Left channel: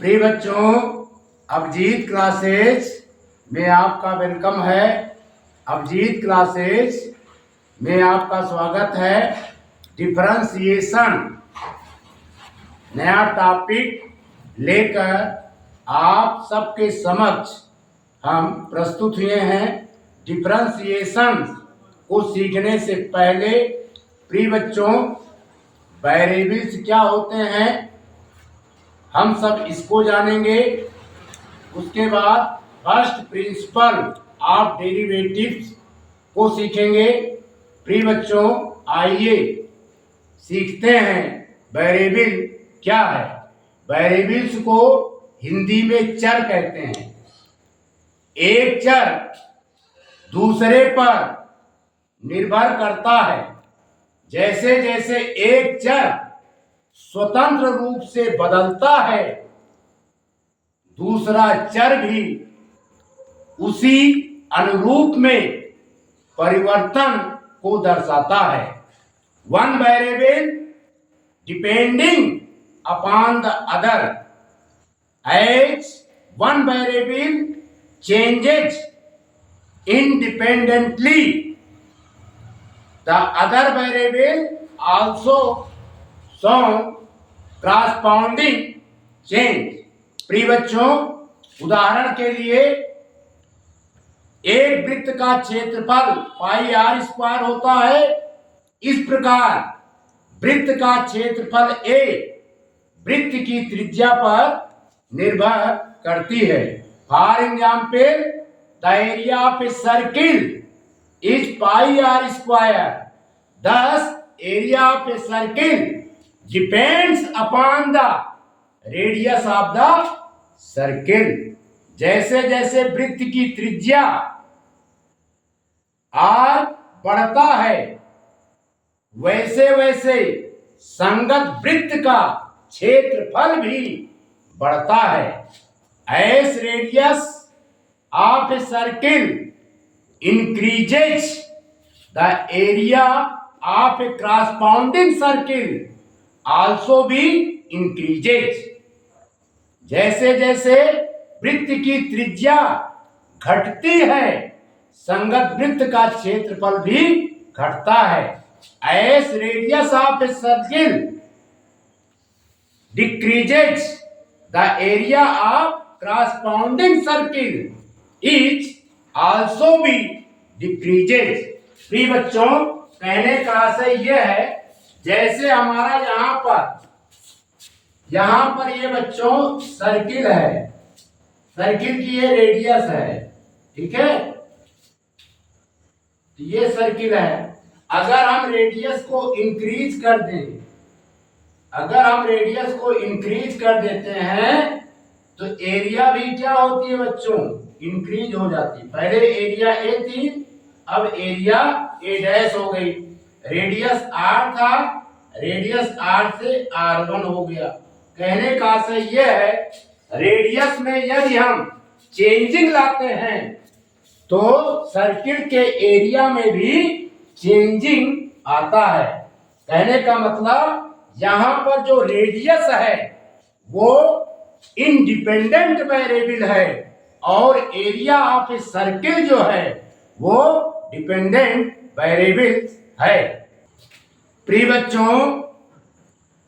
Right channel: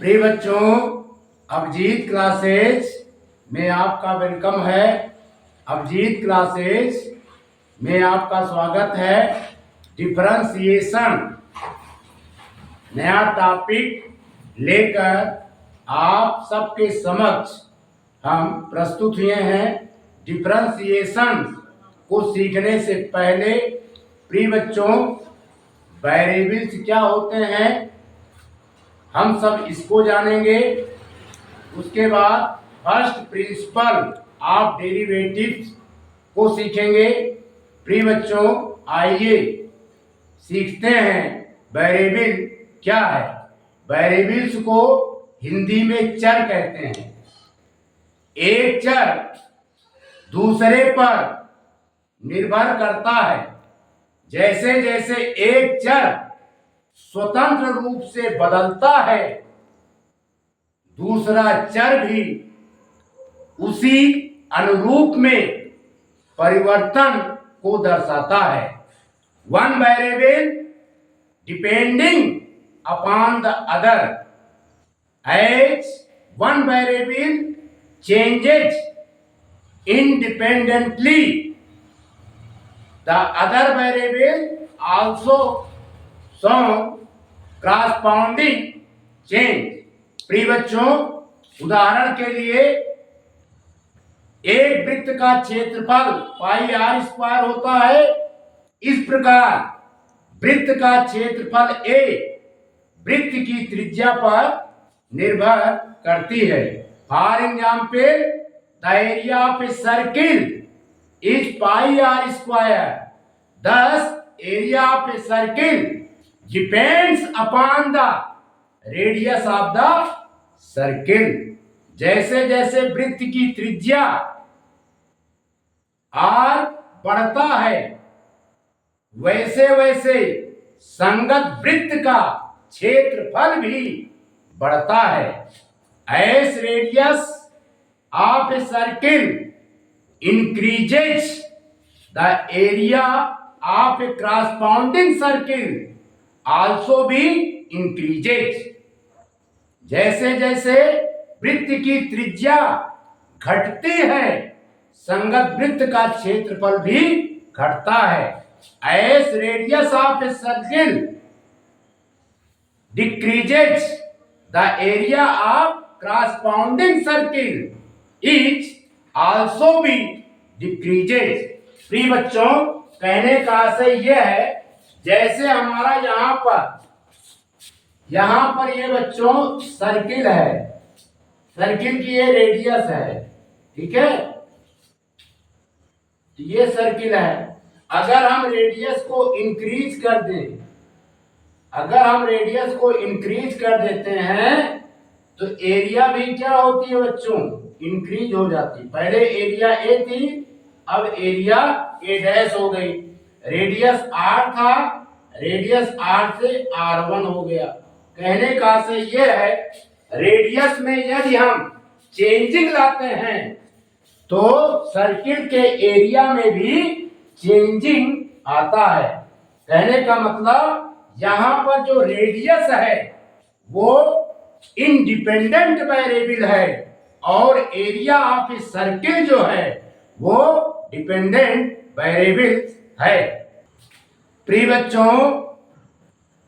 प्रिय बच्चों, अभिजीत क्लासेस में आपका वेलकम है। अभिजीत क्लासेस में आपका स्वागत है। डिफरेंशिएशन नया टॉपिक लेकर आप सबके समक्ष हम प्रस्तुत हुए हैं। डिफरेंशिएशन को सीखने से पहले प्रिय बच्चों, वेरिएबल्स क्या होते हैं हम सब इसको जानेंगे। उसके बाद फर्स्ट प्रिंसिपल ऑफ डेरिवेटिव्स को सीखेंगे। प्रिय बच्चों, आइए सीखते हैं वेरिएबल क्या है। वेरिएबल्स को हिंदी में चर कहते हैं। एक चर दूसरे पर निर्भर करता है। जैसे जैसे एक चर स्वतंत्र रूप से बदलता है, दूसरा चर भी उसी अनुरूप में परिवर्तन को दर्शाता है। One variable depending upon the other, as one variable changes independently, the other variable also shown corresponding change। प्रिय बच्चों, उदाहरण के लिए एक वृत्त का क्षेत्रफल पाई आर स्क्वायर होता है। इस प्रकार वृत्त का क्षेत्रफल ए वृत्त की त्रिज्या पर निर्भर करती है। For example, the area of a circle is pi r square. thus area of a circle depends upon the radius of the circle। जैसे जैसे वृत्त की त्रिज्या r बढ़ता है, वैसे वैसे संगत वृत्त का क्षेत्रफल भी बढ़ता है। as radius of a circle increases, the area of a corresponding circle also be increases। जैसे जैसे वृत्त की त्रिज्या घटती है, संगत वृत्त का क्षेत्रफल भी घटता है। as radius of a circle decreases, the area of corresponding circle is also be decreases। प्रिय बच्चों, कहने का आशय यह है, जैसे हमारा यहाँ पर ये बच्चों सर्किल है, सर्किल की ये रेडियस है, ठीक है। ये सर्किल है। अगर हम रेडियस को इंक्रीज कर दें, अगर हम रेडियस को इंक्रीज कर देते हैं तो एरिया भी क्या होती है बच्चों, इंक्रीज हो जाती। पहले एरिया ए थी, अब एरिया ए डैश हो गई। रेडियस आर था, रेडियस आर से R1 हो गया। कहने का आशय यह है, रेडियस में यदि हम चेंजिंग लाते हैं तो सर्किल के एरिया में भी चेंजिंग आता है। कहने का मतलब यहां पर जो रेडियस है वो इंडिपेंडेंट वेरिएबल है और एरिया ऑफ ए सर्किल जो है वो डिपेंडेंट वेरिएबल है। प्रिय बच्चों,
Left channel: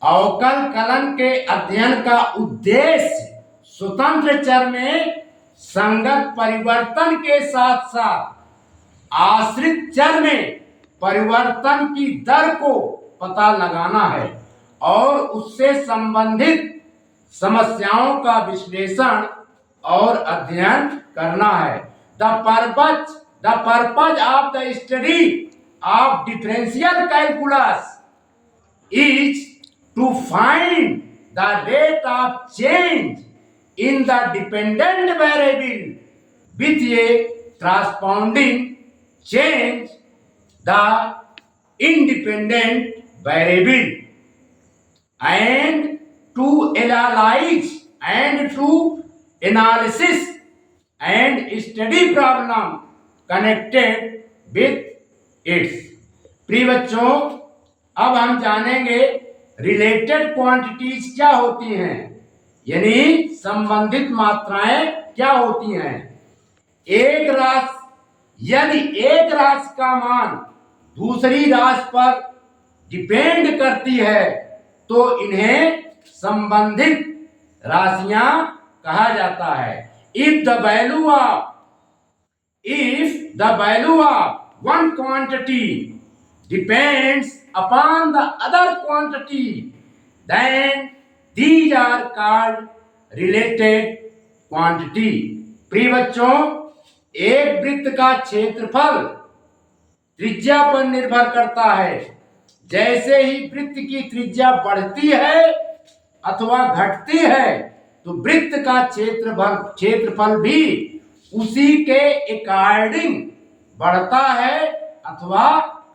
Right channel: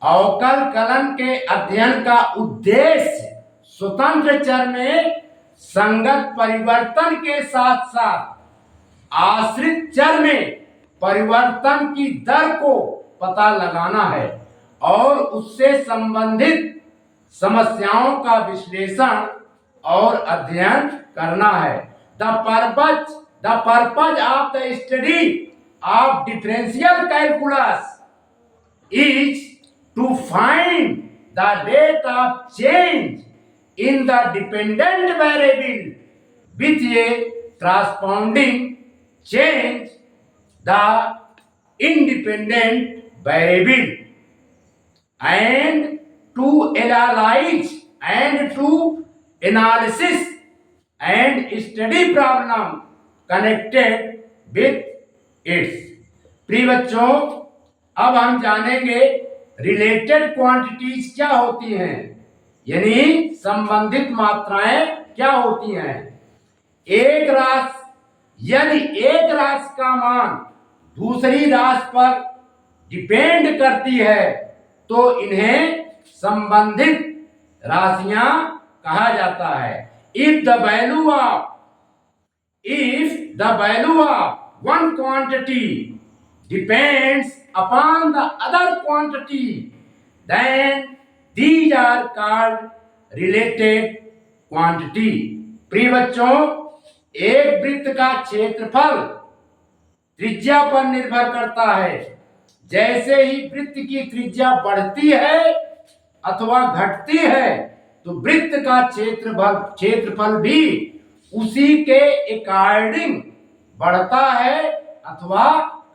अवकल कलन के अध्ययन का उद्देश्य स्वतंत्र चर में संगत परिवर्तन के साथ साथ आश्रित चर में परिवर्तन की दर को पता लगाना है और उससे संबंधित समस्याओं का विश्लेषण और अध्ययन करना है। The purpose of the study of differential calculus is to find the rate of change in the dependent variable with a corresponding change the independent variable, and to analysis and study problem connected with it's. प्रिय बच्चों, अब हम जानेंगे related quantities क्या होती हैं। यानी संबंधित मात्राएं क्या होती हैं? एक राशि, यदि एक राशि का मान दूसरी राशि पर डिपेंड करती है तो इन्हें संबंधित राशियां कहा जाता है। If the value of one quantity depends upon the other quantity then these are called related quantity। प्रिय बच्चों, एक वृत्त का क्षेत्रफल त्रिज्या पर निर्भर करता है। जैसे ही वृत्त की त्रिज्या बढ़ती है अथवा घटती है तो वृत्त का क्षेत्रफल भी उसी के अकॉर्डिंग बढ़ता है अथवा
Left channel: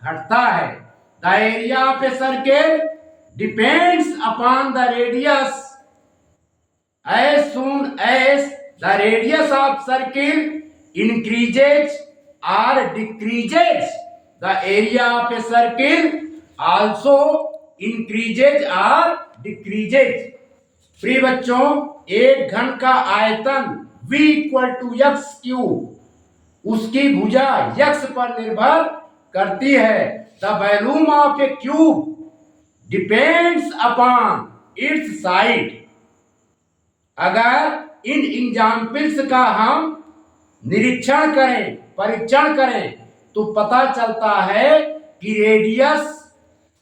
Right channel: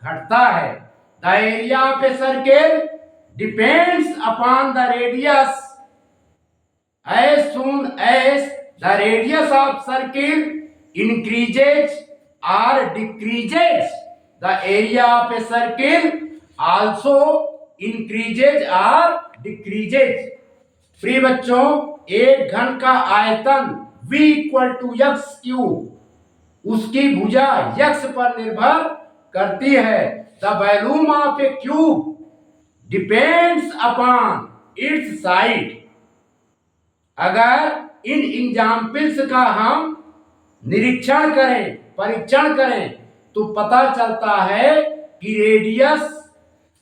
घटता है। The area of a circle depends upon the radius। as soon as the radius of circle increases or decreases, the area of a circle also increases or decreases। प्रिय बच्चों, एक घन का आयतन V = x क्यूब उसकी भुजा x पर निर्भर करती है। The volume of A cube depends upon its side. अगर इन एग्जाम्पल्स का हम निरीक्षण करें, परीक्षण करें तो पता चलता है कि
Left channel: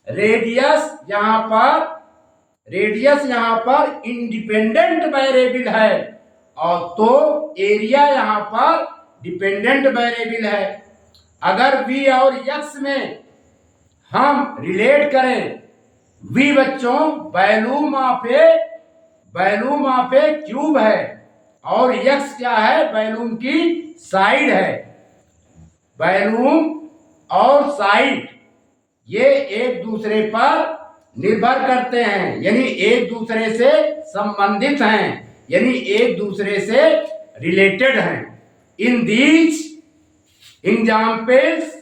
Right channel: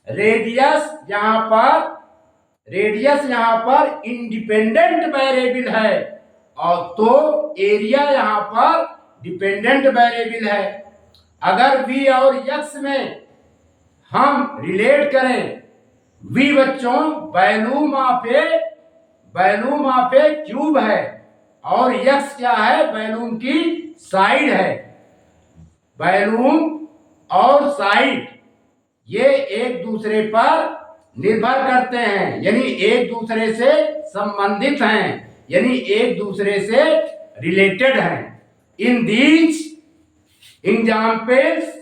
रेडियस यहाँ पर इंडिपेंडेंट वेरिएबल है और तो एरिया यहाँ पर डिपेंडेंट वेरिएबल है। अगर v और x में हम रिलेट करें, v बच्चों वॉल्यूम ऑफ ए क्यूब है और x क्या है? वॉल्यूम की साइड है। वॉल्यूम और साइड ये एक दूसरे पर निर्भर करते हैं, यानी एक दूसरे से संबंधित हैं, यानी एक दूसरे से रिलेटेड हैं। In these examples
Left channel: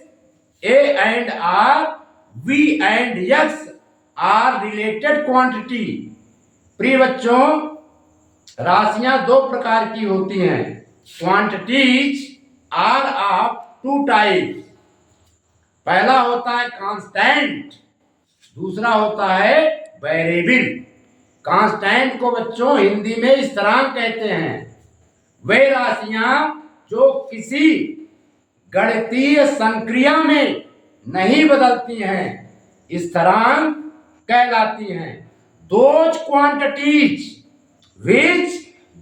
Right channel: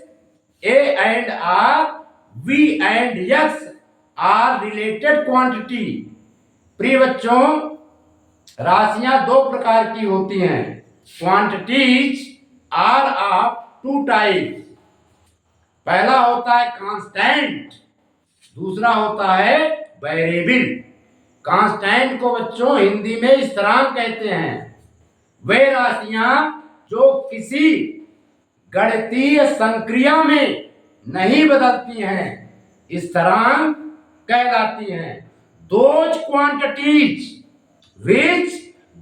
a and r, v and x are related quantity. प्रिय बच्चों, राशियां दो प्रकार की होती हैं। Quantities are of two type. पहला होता है कांस्टेंट, दूसरा होता है वेरिएबल। कांस्टेंट को बच्चों हिंदी में स्थिरांक कहते हैं। वे राशियां जो किसी गणितीय संक्रिया में नहीं बदलती हैं स्थिरांक कहलाती हैं। Those quantities which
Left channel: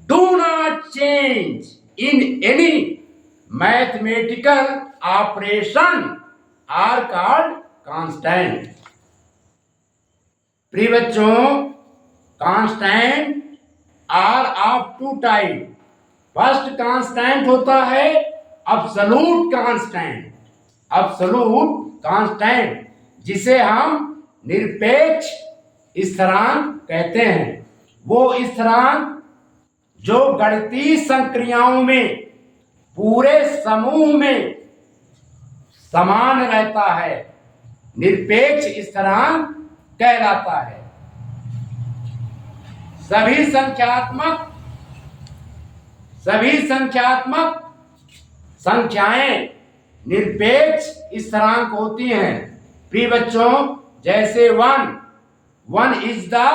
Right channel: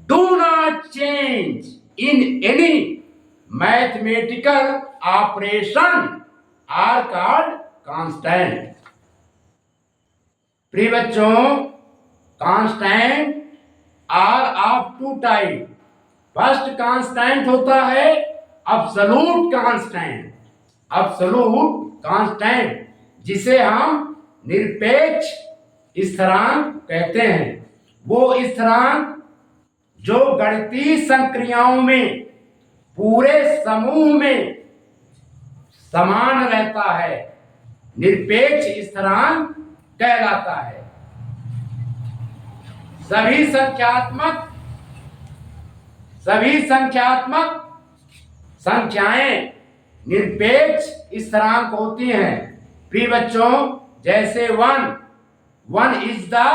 do not change in any mathematical operation are called constant। प्रिय बच्चों, constant are of two type. First constant होता है अब्सोल्यूट कांस्टेंट, जिसे हम निरपेक्ष स्थिरांक कहते हैं। वो स्थिरांक जो गणितीय संक्रियाओं में पूरे समूह में समान रहता है, निरपेक्ष स्थिरांक कहलाता है। सभी संख्यात्मक संख्याएं निरपेक्ष स्थिरांक होती हैं। प्रिय बच्चों, जैसे 1 is the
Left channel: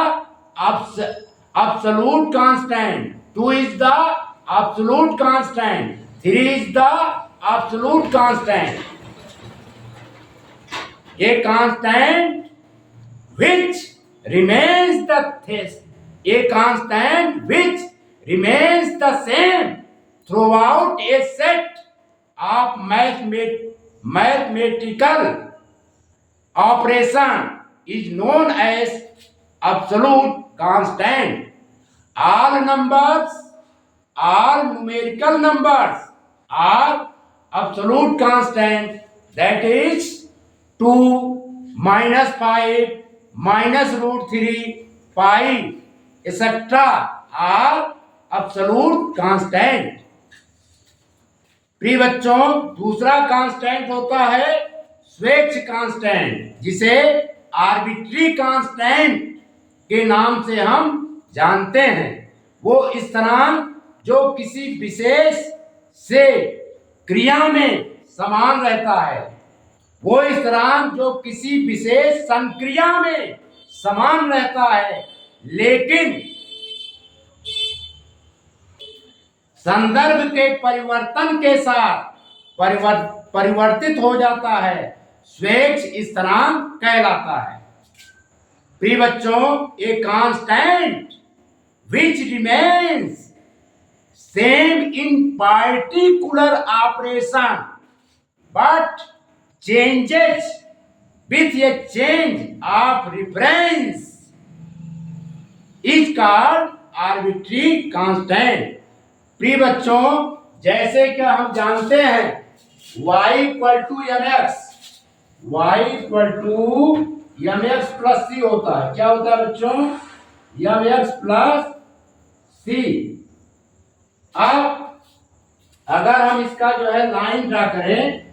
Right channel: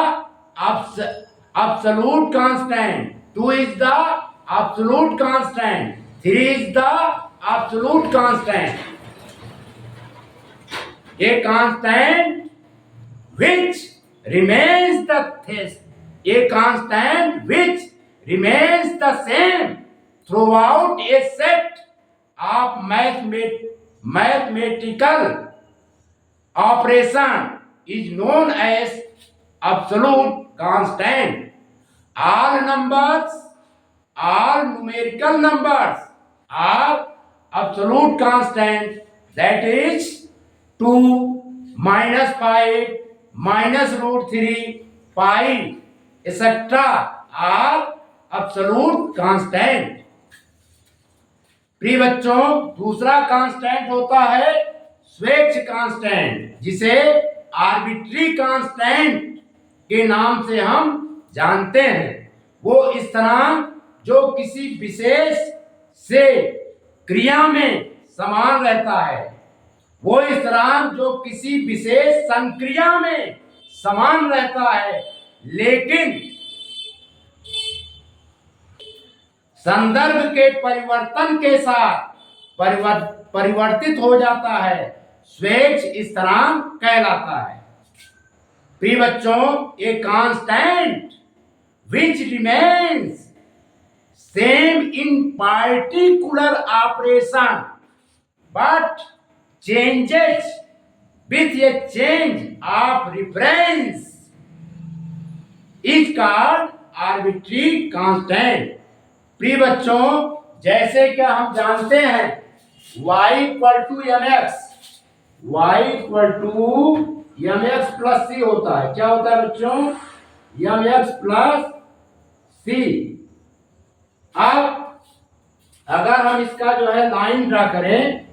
absolute constant, 2 is the absolute constant, 3 is the absolute constant। A constant which remains the same throughout a set of mathematical operation is known as absolute constant। All numerical numbers are absolute constant, that is 2, -5, -√3, 5 etc. are absolute constant। प्रिय बच्चों, दूसरा constant होता है स्वेच्छ constant, जिसे arbitrary constant के नाम से हम जानते हैं। वो स्थिरांक जो किसी विशेष से क्रिया में समान रहता है, वो स्थिरांक जो किसी विशेष संक्रिया में समान रहता है, लेकिन संदर्भ के परिवर्तन के साथ परिवर्तित हो जाता है, स्वेच्छ स्थिरांक कहलाता है। प्रिय बच्चों, a constant which remains same in particular operation but changes with a change of reference is called arbitrary constant. प्रिय बच्चों, जैसे कि हम जानते हैं y equal to M x plus c होता है। क्या होता है बच्चों? M x plus c. अब अगर हम इसका जो है लाइन ड्रा करें,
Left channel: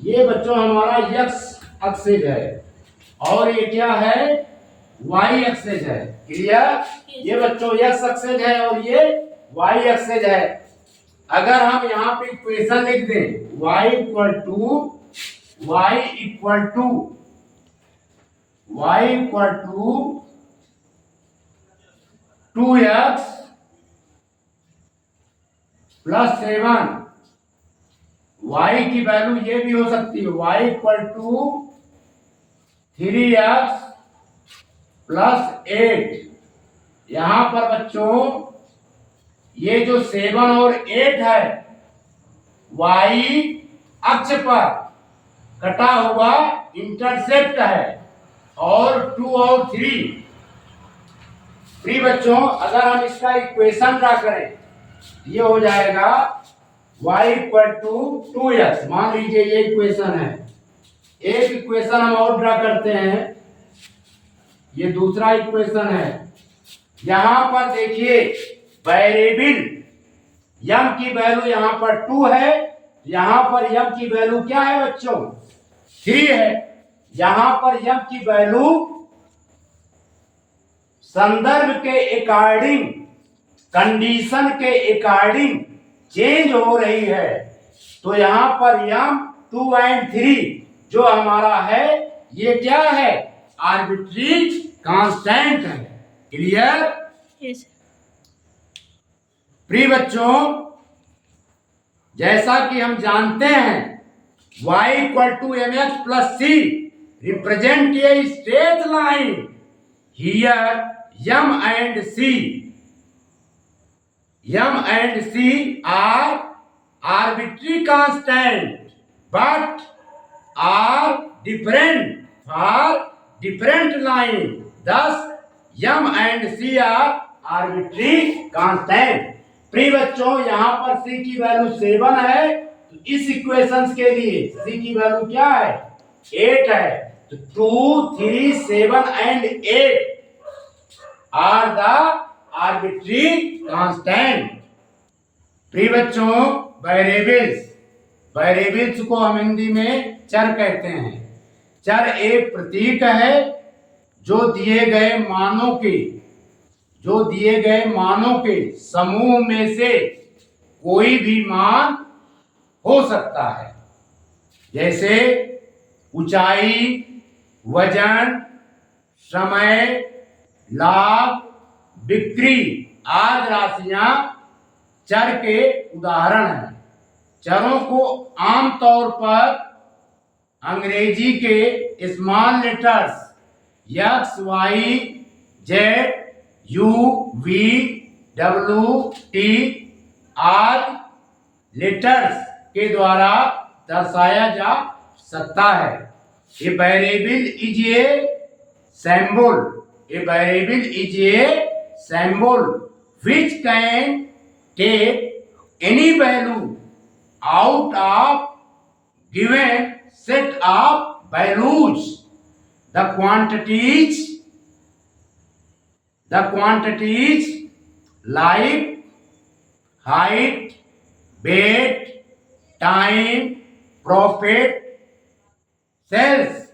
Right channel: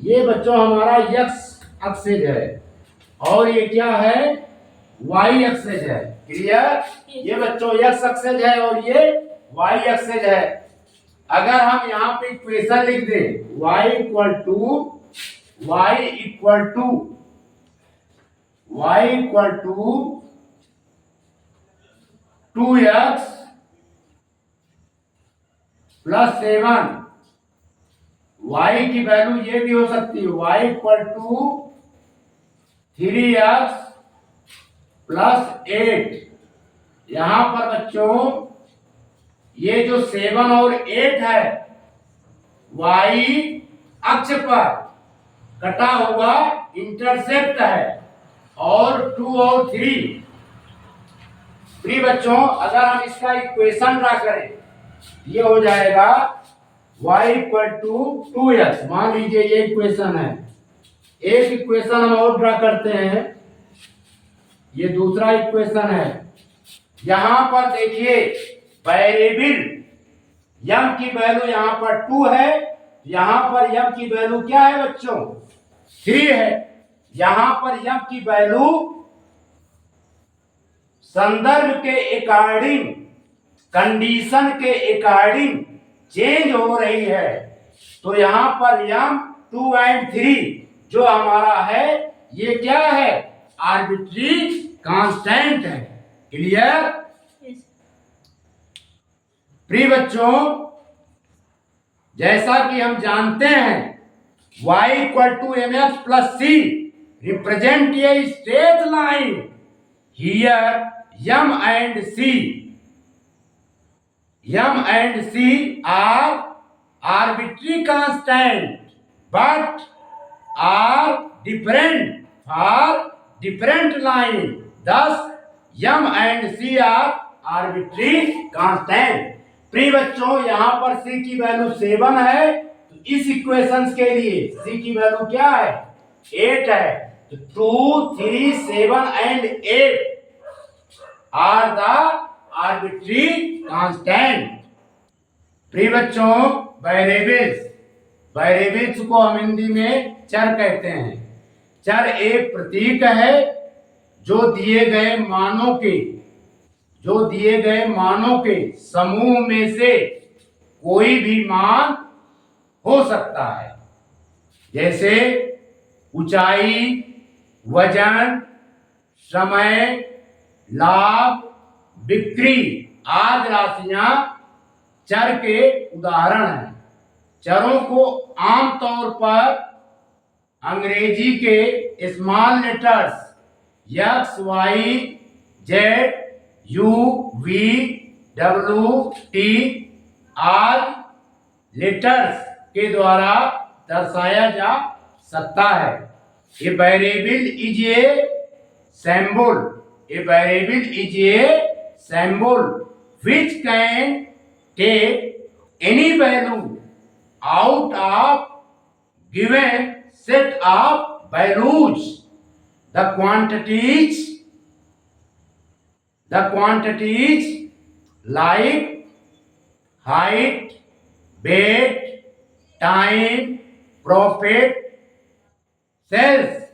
ये बच्चों हमारा x एक्सिस है और ये क्या है? y एक्सिस है। क्लियर? ये बच्चों x एक्सिस है और ये y एक्सिस है। अगर हम यहाँ पे इक्वेशन लिख दें y equal to 2x plus 7, y की वैल्यू ये भी हो सकती है y equal to 3x plus 8। यहां पर बच्चों ये जो 7 और 8 है y अक्ष पर कटा हुआ इंटरसेप्ट है और 2 और 3। प्रिय बच्चों, अगर हम इसका इक्वेशन ड्रा करें, ये हो जाएगा y इक्वल टू 2x। मान लीजिए ये इक्वेशन है। एक इक्वेशन हम और ड्रा करते हैं, ये दूसरा इक्वेशन है। यहां पर देखिए वेरिएबल m की वैल्यू यहां पर 2 है, यहां पर m की वैल्यू क्या है बच्चों? 3 है। यहां पर m की वैल्यू संदर्भ के अकॉर्डिंग, कंडीशन के अकॉर्डिंग चेंज हो रही है। तो यहां पर m 2 एंड 3 जो हमारा है, ये क्या है? आर्बिट्री कांस्टेंट है। क्लियर? यस। प्रिय बच्चों, जैसा कि हम जानते हैं y equal to M x plus C represent a straight line. Here m and c are arbitrary constant but are different for different line. Thus m and c are arbitrary constant. प्रिय बच्चों, यहाँ पर c की value 7 है, तो इस equations के लिए c की वैल्यू क्या है? 8 है। तो 2, 3, 7 and 8 are the arbitrary constant. प्रिय बच्चों, वेरिएबल्स को हम हिंदी में चर कहते हैं। चर एक प्रतीक है जो दिए गए मानों के समूह में से कोई भी मान हो सकता है। जैसे ऊंचाई, वजन, समय, लाभ, बिक्री आदि राशियां चर के उदाहरण हैं। चरों को आमतौर पर अंग्रेजी के small letters x, y, z, u, v, w, t आदि लेटर्स के द्वारा दर्शाया जा सकता है। ए variable is A symbol which can take any value out of given set of values. The quantities like height, weight, time, profit, sales,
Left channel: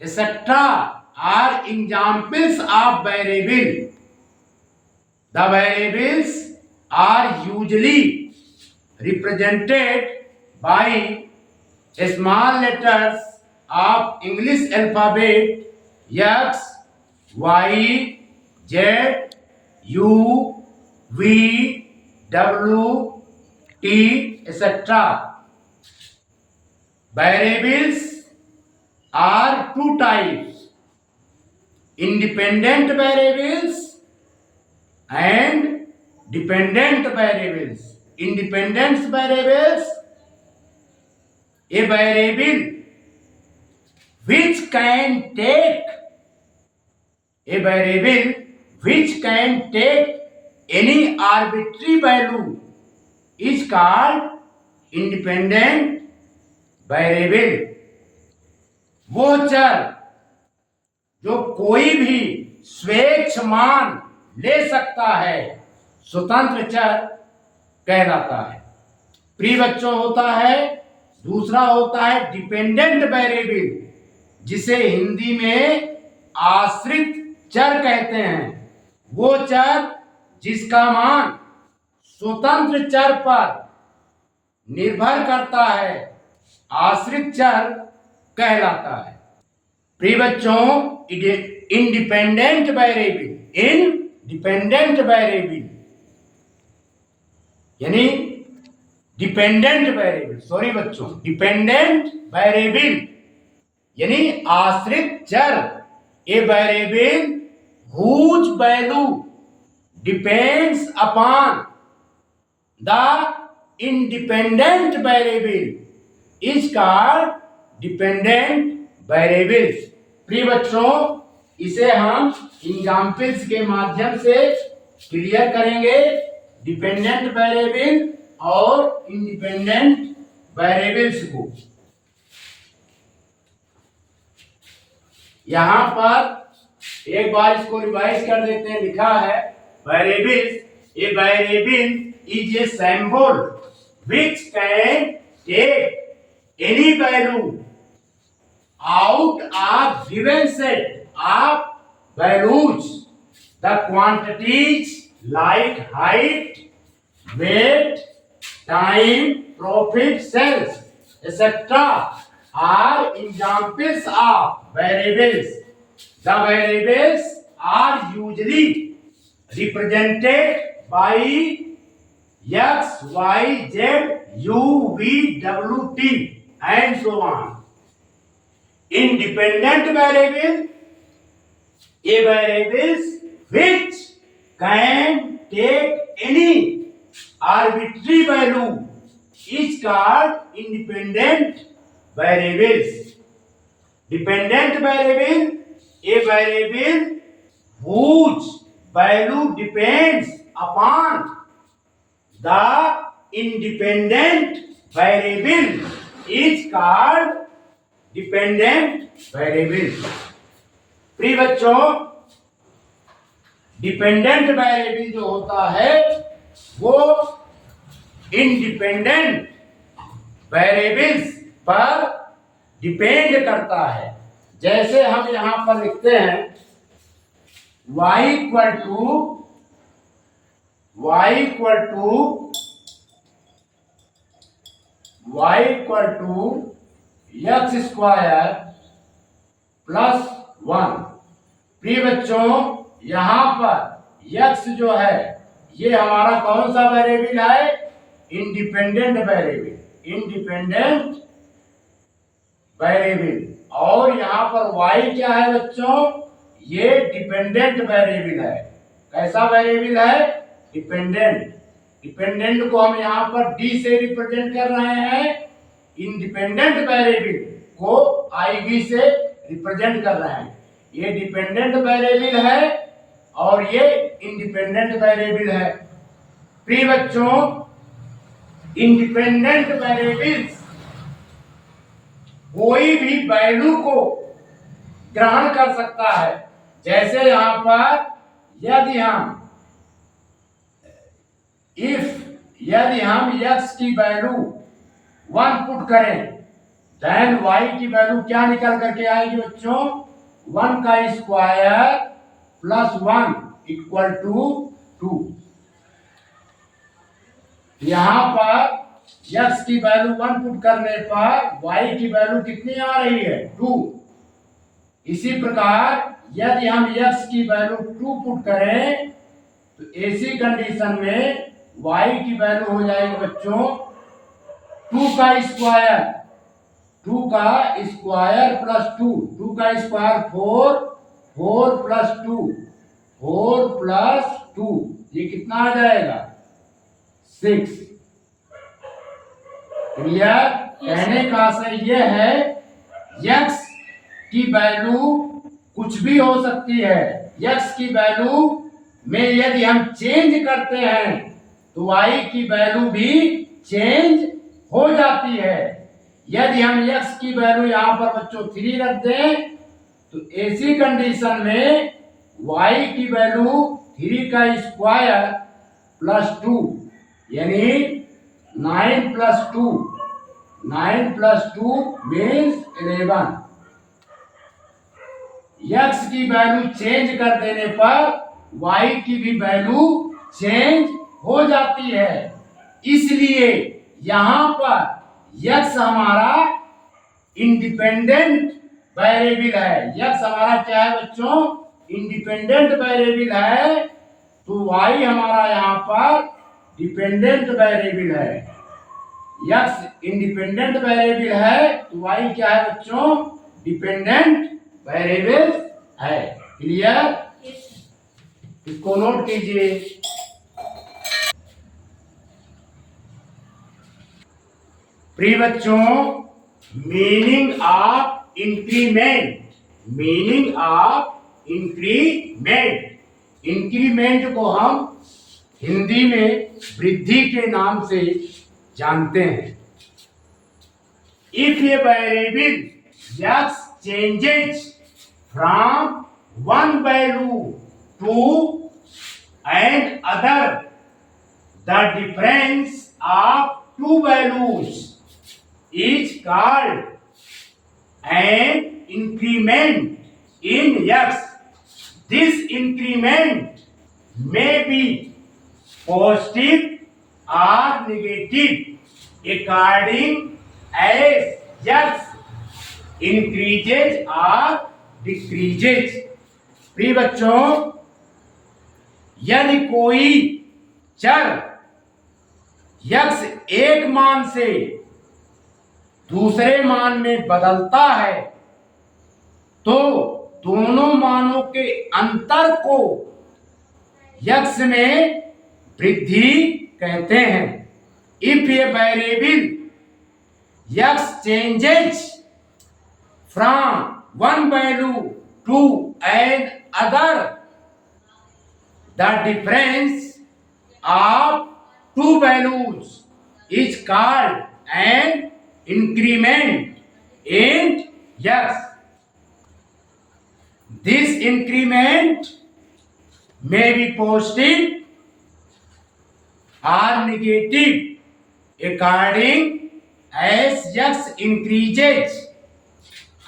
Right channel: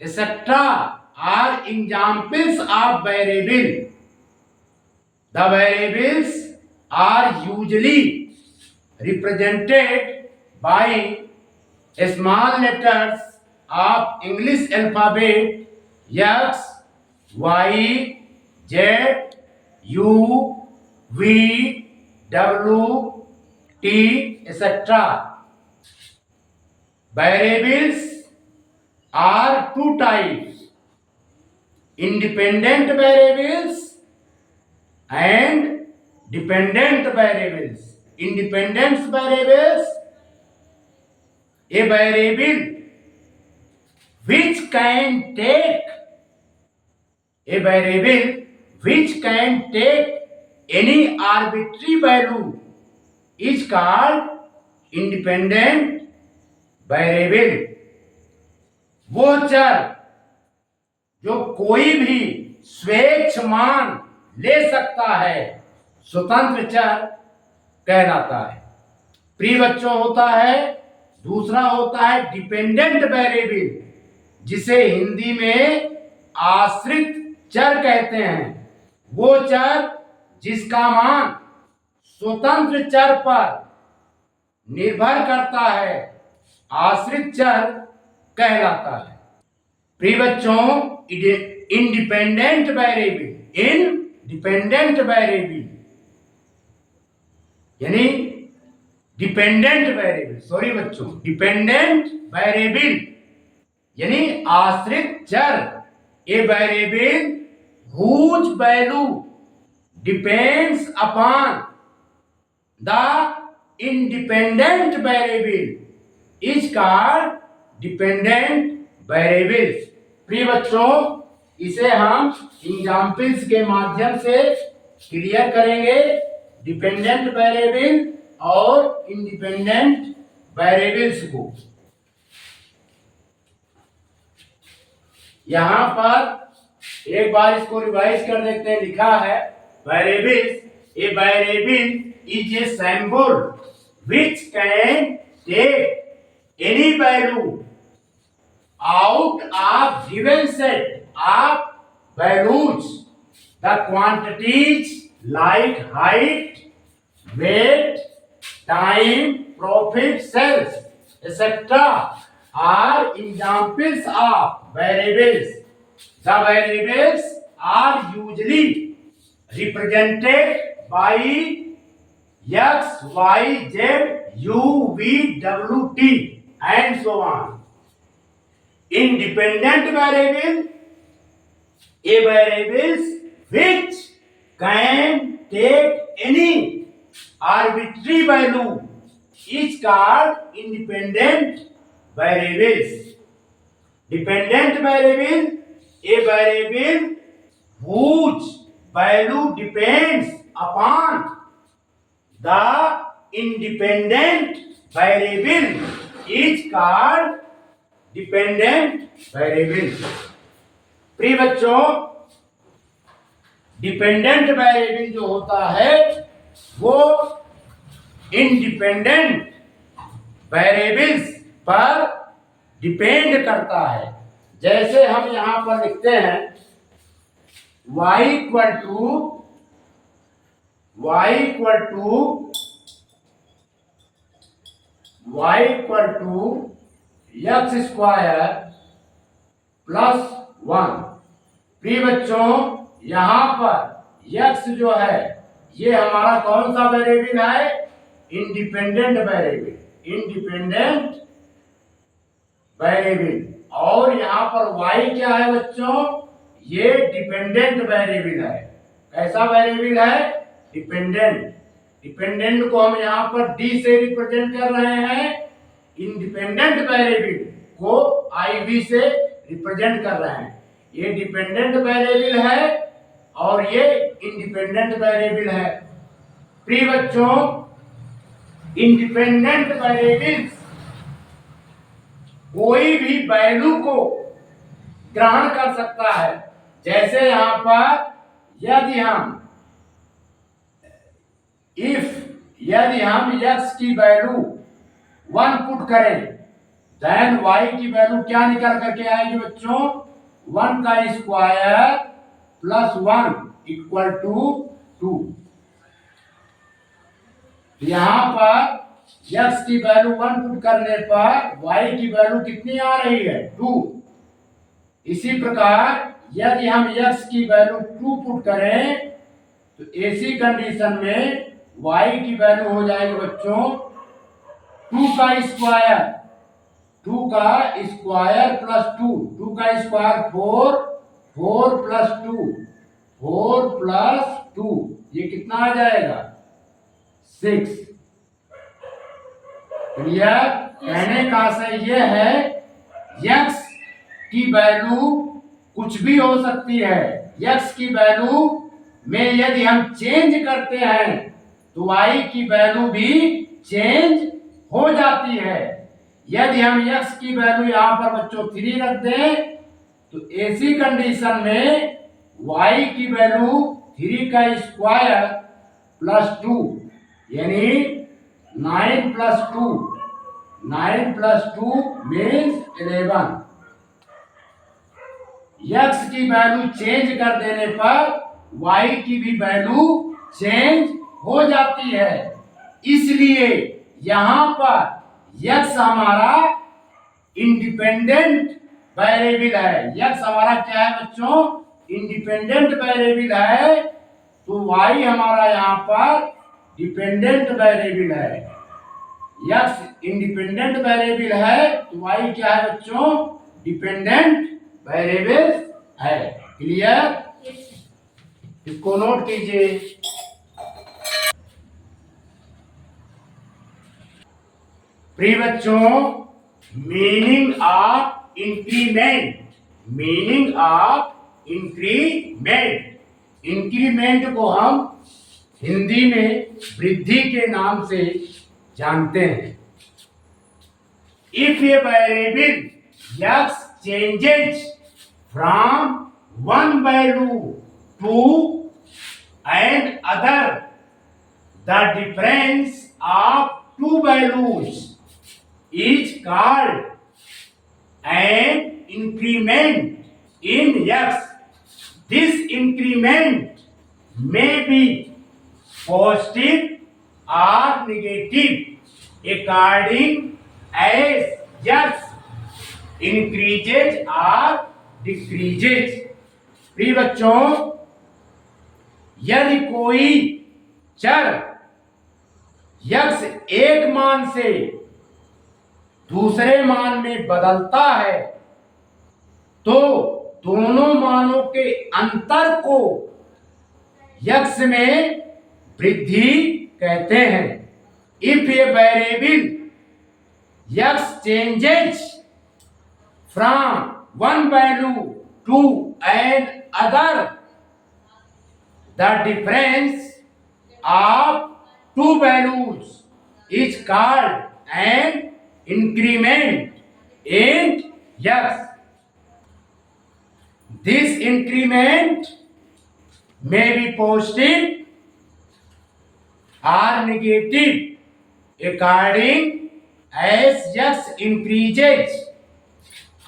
etc. are examples of variable The variables are usually represented by small letters of English alphabet X, Y, Z, U, V, W, T, etc. Variables are two types: independent variables and dependent variables. Independent variables, a variable which can take any arbitrary value is called independent variable. वो चर जो कोई भी स्वेच्छ मान ले सकता है स्वतंत्र चर कहलाता है। प्रिय बच्चों, होता है दूसरा होता है डिपेंडेंट वेरिएबल, जिसे हिंदी में आश्रित चर कहते हैं। वो चर जिसका मान स्वतंत्र चर पर निर्भर करता है आश्रित चर कहलाता है। प्रिय बच्चों, इंडिपेंडेंट वेरिएबल यानी डिपेंडेंट वेरिएबल यानी आश्रित चर, a variable whose value depends upon the independent variable is called dependent variables. प्रिय बच्चों, इसे हम एग्जाम्पल्स के माध्यम से क्लियर करेंगे। डिपेंडेंट वेरिएबल और इंडिपेंडेंट वेरिएबल्स को यहां पर एक बार इसको रिवाइज कर देते हैं। लिखा है variables, a variable is a symbol which can take any value out of given set of values. The quantities like height, weight, time, profit, sales, etc. are examples of variables. The variables are usually represented by X, Y, Z, U, V, W, T and so on. Independent variable, a variables which can take any arbitrary value is called independent variables. Dependent variable, a variable whose value depends upon the independent variable is called dependent variable. प्रिय बच्चों, dependent variable जो होता है वो independent variables पर depend करता है। जैसे हम यहां पर लिखते हैं y equal to x square plus 1। प्रिय बच्चों, यहां पर एक्स जो है ये हमारा कौन सा वेरिएबल है? Independent variable. और यहां पर वाई क्या है बच्चों? ये डिपेंडेंट वेरिएबल है। कैसा वेरिएबल है? डिपेंडेंट को हम यहां पर डी से रिप्रेजेंट कर रहे हैं, इंडिपेंडेंट वेरिएबल को IV से रिप्रेजेंट कर रहे हैं। ये डिपेंडेंट वेरिएबल है और ये इंडिपेंडेंट वेरिएबल है। प्रिय बच्चों, इंडिपेंडेंट वेरिएबल्स कोई भी वैल्यू को ग्रहण कर सकता है। जैसे यहां पर यदि हम x की वैल्यू 1 पुट करें, देन y की वैल्यू क्या निकल करके आएगी बच्चों? 1 का स्क्वायर प्लस 1 इक्वल टू 2। यहां पर x की वैल्यू 1 पुट करने पर y की वैल्यू कितनी आ रही है 2। इसी प्रकार यदि हम x की वैल्यू 2 पुट करें तो ऐसी कंडीशन में y की वैल्यू हो जाएगी बच्चों 2 का स्क्वायर, 2 का स्क्वायर प्लस 2, 2 का स्क्वायर 4, 4 प्लस 2, 4 प्लस 2, ये कितना आ जाएगा 6। क्लियर? कहने का आशय यह है x की वैल्यू कुछ भी हो सकती है। x की वैल्यू में यदि हम चेंज करते हैं तो y की वैल्यू भी चेंज हो जाती है। यदि हम x की वैल्यू यहां पर बच्चों 3 रख दें तो ऐसी कंडीशन में y की वैल्यू 3 का स्क्वायर प्लस 2 यानी 9 प्लस 2, 9 प्लस 2 मीन्स 11। x की वैल्यू चेंज कर देने पर y की भी वैल्यू चेंज हो जाती है। इसलिए यहां पर x हमारा इंडिपेंडेंट वेरिएबल है। x हमारा क्या है बच्चों? इंडिपेंडेंट वेरिएबल है, तो y हमारा यहां पर डिपेंडेंट वेरिएबल है। x इंडिपेंडेंट वेरिएबल है तो y क्या है बच्चों? डिपेंडेंट वेरिएबल है। क्लियर? इसको नोट कीजिए। प्रिय बच्चों, meaning of increment, meaning of increment, increment को हम हिंदी में वृद्धि के नाम से जानते हैं। If a variable x changes from one value to and other, the difference of two values is called an increment in x. This increment may be positive or negative according as x increases or decreases। प्रिय बच्चों, यदि कोई चर x एक मान से दूसरे मान में बदलता है तो दोनों मानों के अंतर को x में वृद्धि कहते हैं। If a variable x changes from one value to an other, the difference of two values is called an increment in x. This increment may be positive or negative according as x increases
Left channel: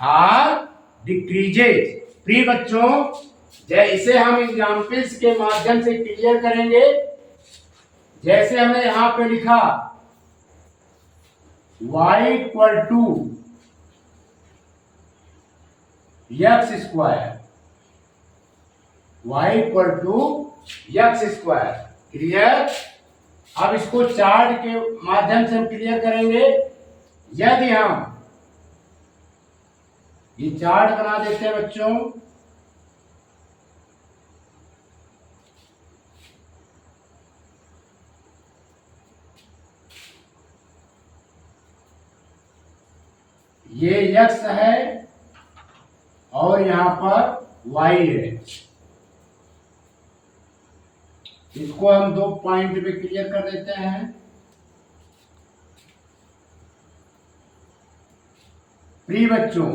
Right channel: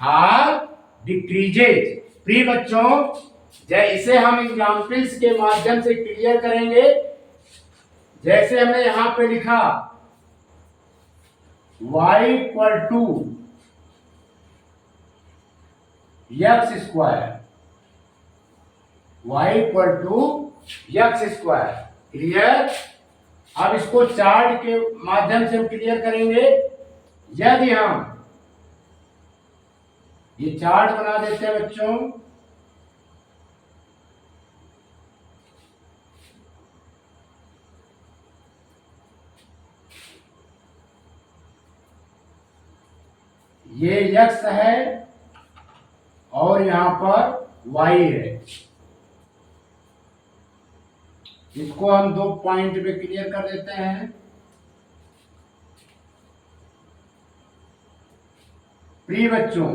or decreases। प्रिय बच्चों, इसे हम examples के माध्यम से clear करेंगे। जैसे हमने यहां पे लिखा y equal to x square, y equal to x square. Clear? अब इसको चार्ट के माध्यम से हम क्लियर करेंगे। यदि हम ये चार्ट बना देते हैं बच्चों, ये x है और यहां पर y है। इसको हम 2 पॉइंट पे क्लियर कर देते हैं। प्रिय बच्चों,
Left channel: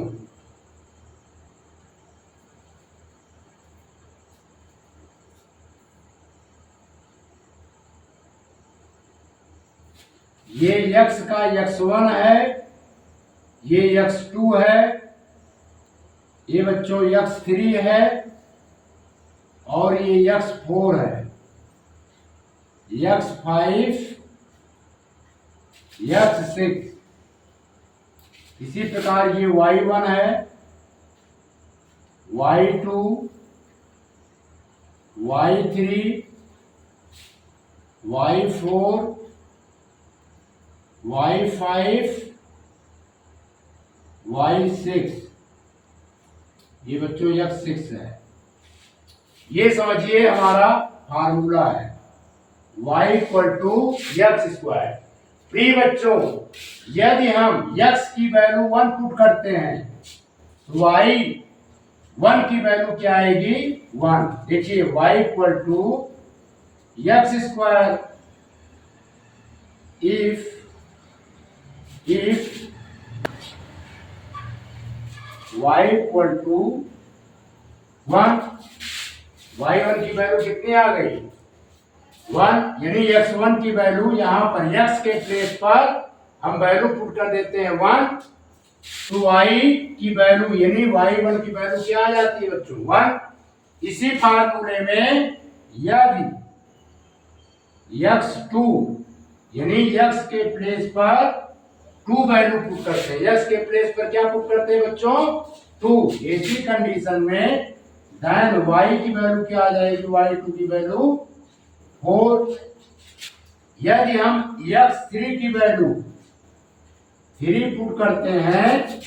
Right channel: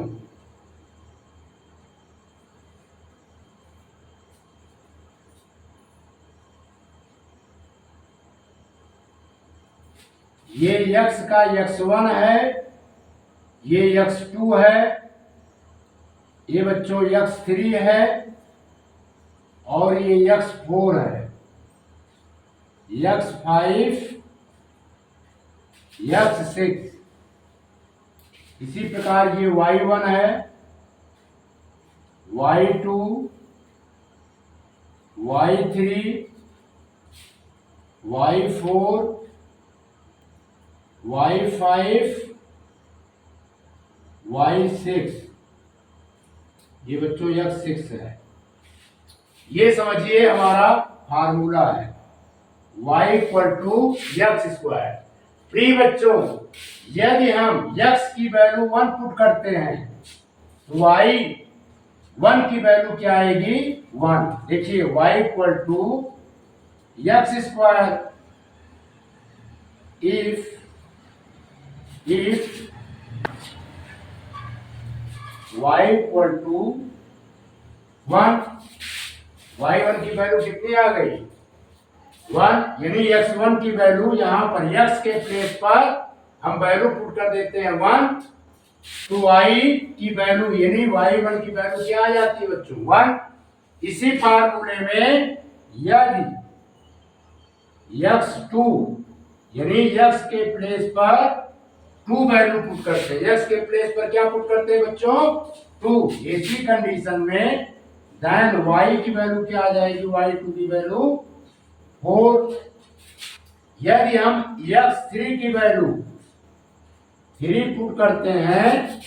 ये x का x1 है, ये x2 है, ये बच्चों x3 है और ये x4 है। x5 x6, इसी प्रकार ये y1 है, y2 y3 y4 y5 y6, ये बच्चों x6 है। ये समझिए हमारा फार्मूला है y equal to x square. प्रिय बच्चों, यदि हम x की वैल्यू 1 पुट करते हैं तो y 1 की वैल्यू क्या आएगी? 1। देखिए y equal to x square if y equal to 1, y1 की वैल्यू कितनी आ गई? 1, यानी x1 की वैल्यू यहाँ पर x के प्लेस पर हम वैल्यू पुट कर देते हैं 1, तो y की वैल्यू यानी y1 की वैल्यू क्या आ जाती है बच्चों? 1। इसी फार्मूले में यदि x2 यानी x के प्लेस पर 2 वैल्यू पुट करते हैं, x के प्लेस पर क्या पुट करते हैं बच्चों? 2। ऐसी कंडीशन में देन y की वैल्यू क्या आ जाएगी? y2 की वैल्यू 4। यदि हम x3 की वैल्यू 3 पुट करते हैं,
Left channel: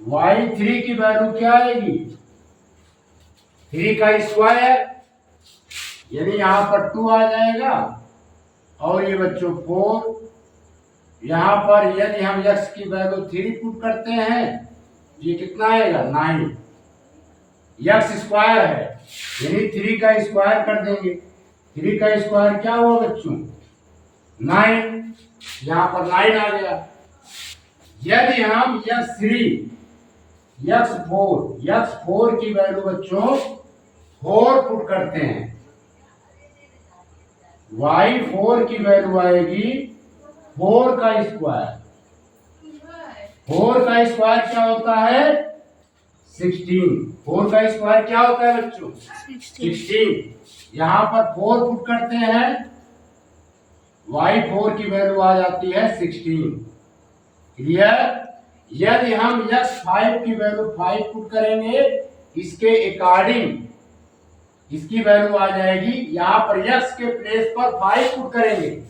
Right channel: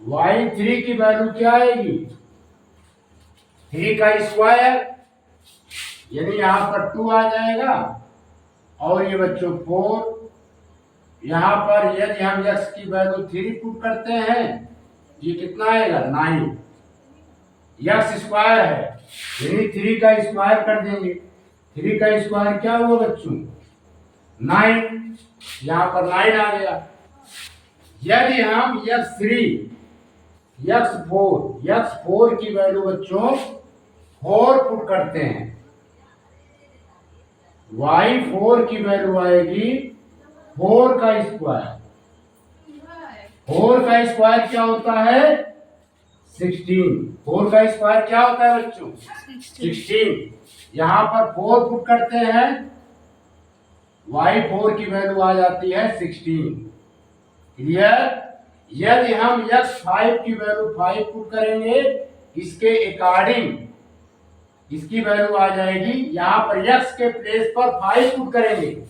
y3 की वैल्यू क्या आएगी? 3 का स्क्वायर, यानी यहां पर 2 आ जाएगा, और ये बच्चों 4। यहां पर यदि हम x की वैल्यू 3 पुट करते हैं, ये कितना आएगा? 9। x स्क्वायर है, यानी 3 का स्क्वायर कर देंगे। 3 का स्क्वायर क्या हुआ बच्चों? 9। यहां पर 9 आ गया। यदि हम x3 x4 की वैल्यू बच्चों 4 पुट करते हैं, y4 की वैल्यू आएगी 4 का स्क्वायर। 4 का स्क्वायर क्या होता है? 16। 4 का स्क्वायर क्या होता है बच्चों? 16। यहां पर 4 पुट करते हैं, y4 की वैल्यू आ जाती है 16। क्लियर? यदि हम x5 की वैल्यू 5 पुट करेंगे, इसके अकॉर्डिंग इसकी वैल्यू आ जाएगी, यहां पर x के प्लेस पर 5 पुट करेंगे,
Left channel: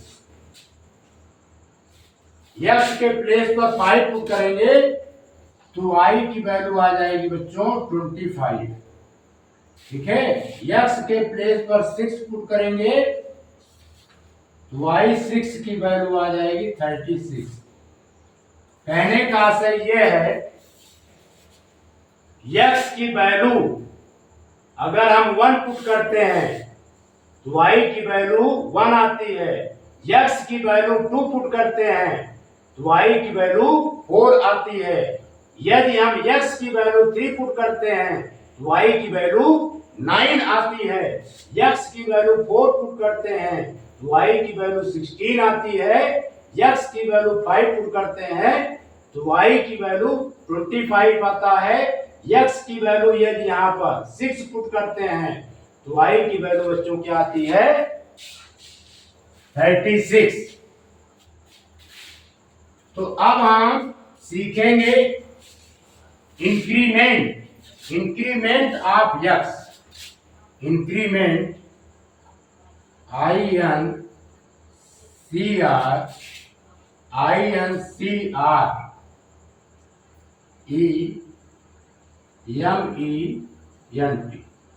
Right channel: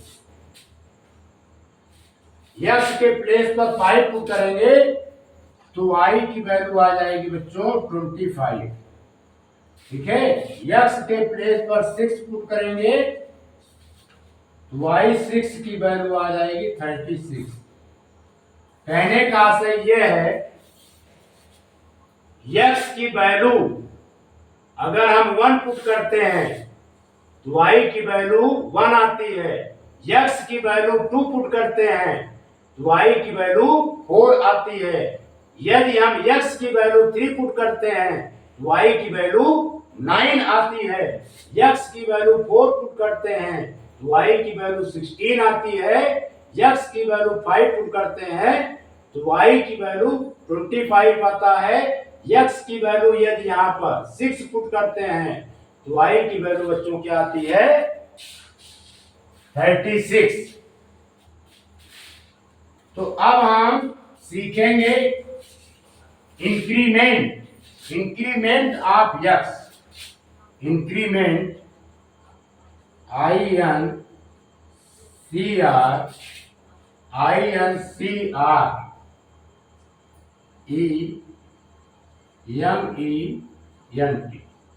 x के प्लेस पर 5 पुट करेंगे तो y की वैल्यू आ जाएगी बच्चों 25। ठीक है? x के प्लेस पर 6 पुट करेंगे तो y6 की वैल्यू आ जाएगी 36। कहने का आशय यह है, x की वैल्यू अगर हम 1 पुट करते हैं तो y की वैल्यू 1 आती है, x की वैल्यू 2 पुट करते हैं तो y की वैल्यू 4 आती है। यदि हम x की वैल्यू 3 पुट करते हैं तो y की वैल्यू 9 आती है, x की वैल्यू 4 पुट करते हैं तो y की वैल्यू 16 आती है, x की वैल्यू 5 पुट करते हैं तो y की वैल्यू 25 आता है। x की वैल्यू यदि यहाँ पर 6 पुट करते हैं तो y की वैल्यू बच्चों क्या आती है? 36। तो अब हम सीखेंगे increment of x। Increment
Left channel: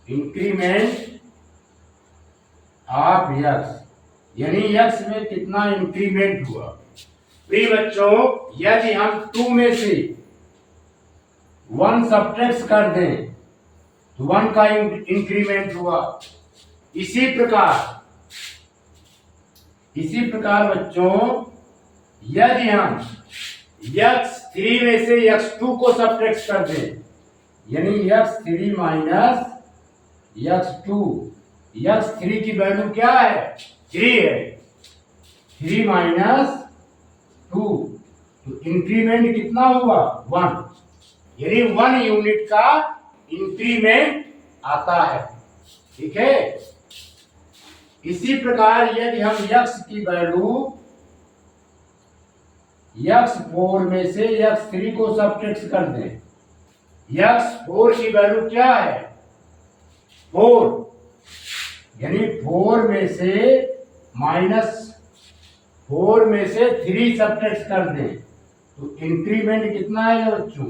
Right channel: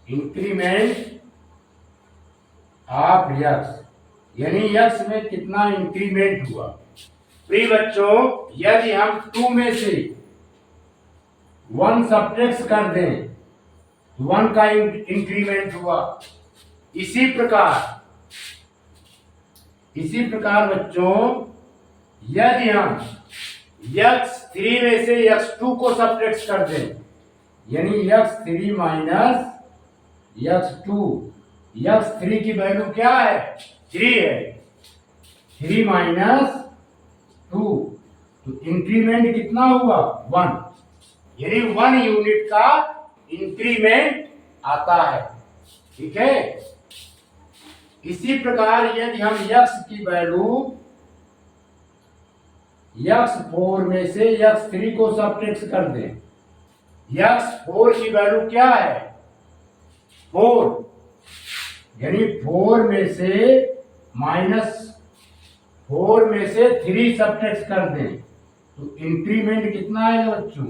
increment of x, यानी x में कितना इंक्रीमेंट हुआ। प्रिय बच्चों, यदि हम 2 में से 1 सब्ट्रैक्ट कर दें तो 1 का इंक्रीमेंट हुआ। इसी प्रकार बच्चों, यदि हम x3 में से x2 को सब्ट्रैक्ट कर दें, यानी x3 माइनस x2, x3 की वैल्यू क्या है? 3 है, 3 माइनस 2, तो इंक्रीमेंट कितना हुआ? 1, यानी 1 यूनिट का इंक्रीमेंट आता है। ठीक है? इसी प्रकार यदि हम x की वैल्यू x4 में से x3 को सबट्रैक्ट कर दें, x4 की वैल्यू क्या है 4, यानी 4 में से -4 में से 3 सबट्रैक्ट कर दें तो इंक्रीमेंट कितना आएगा बच्चों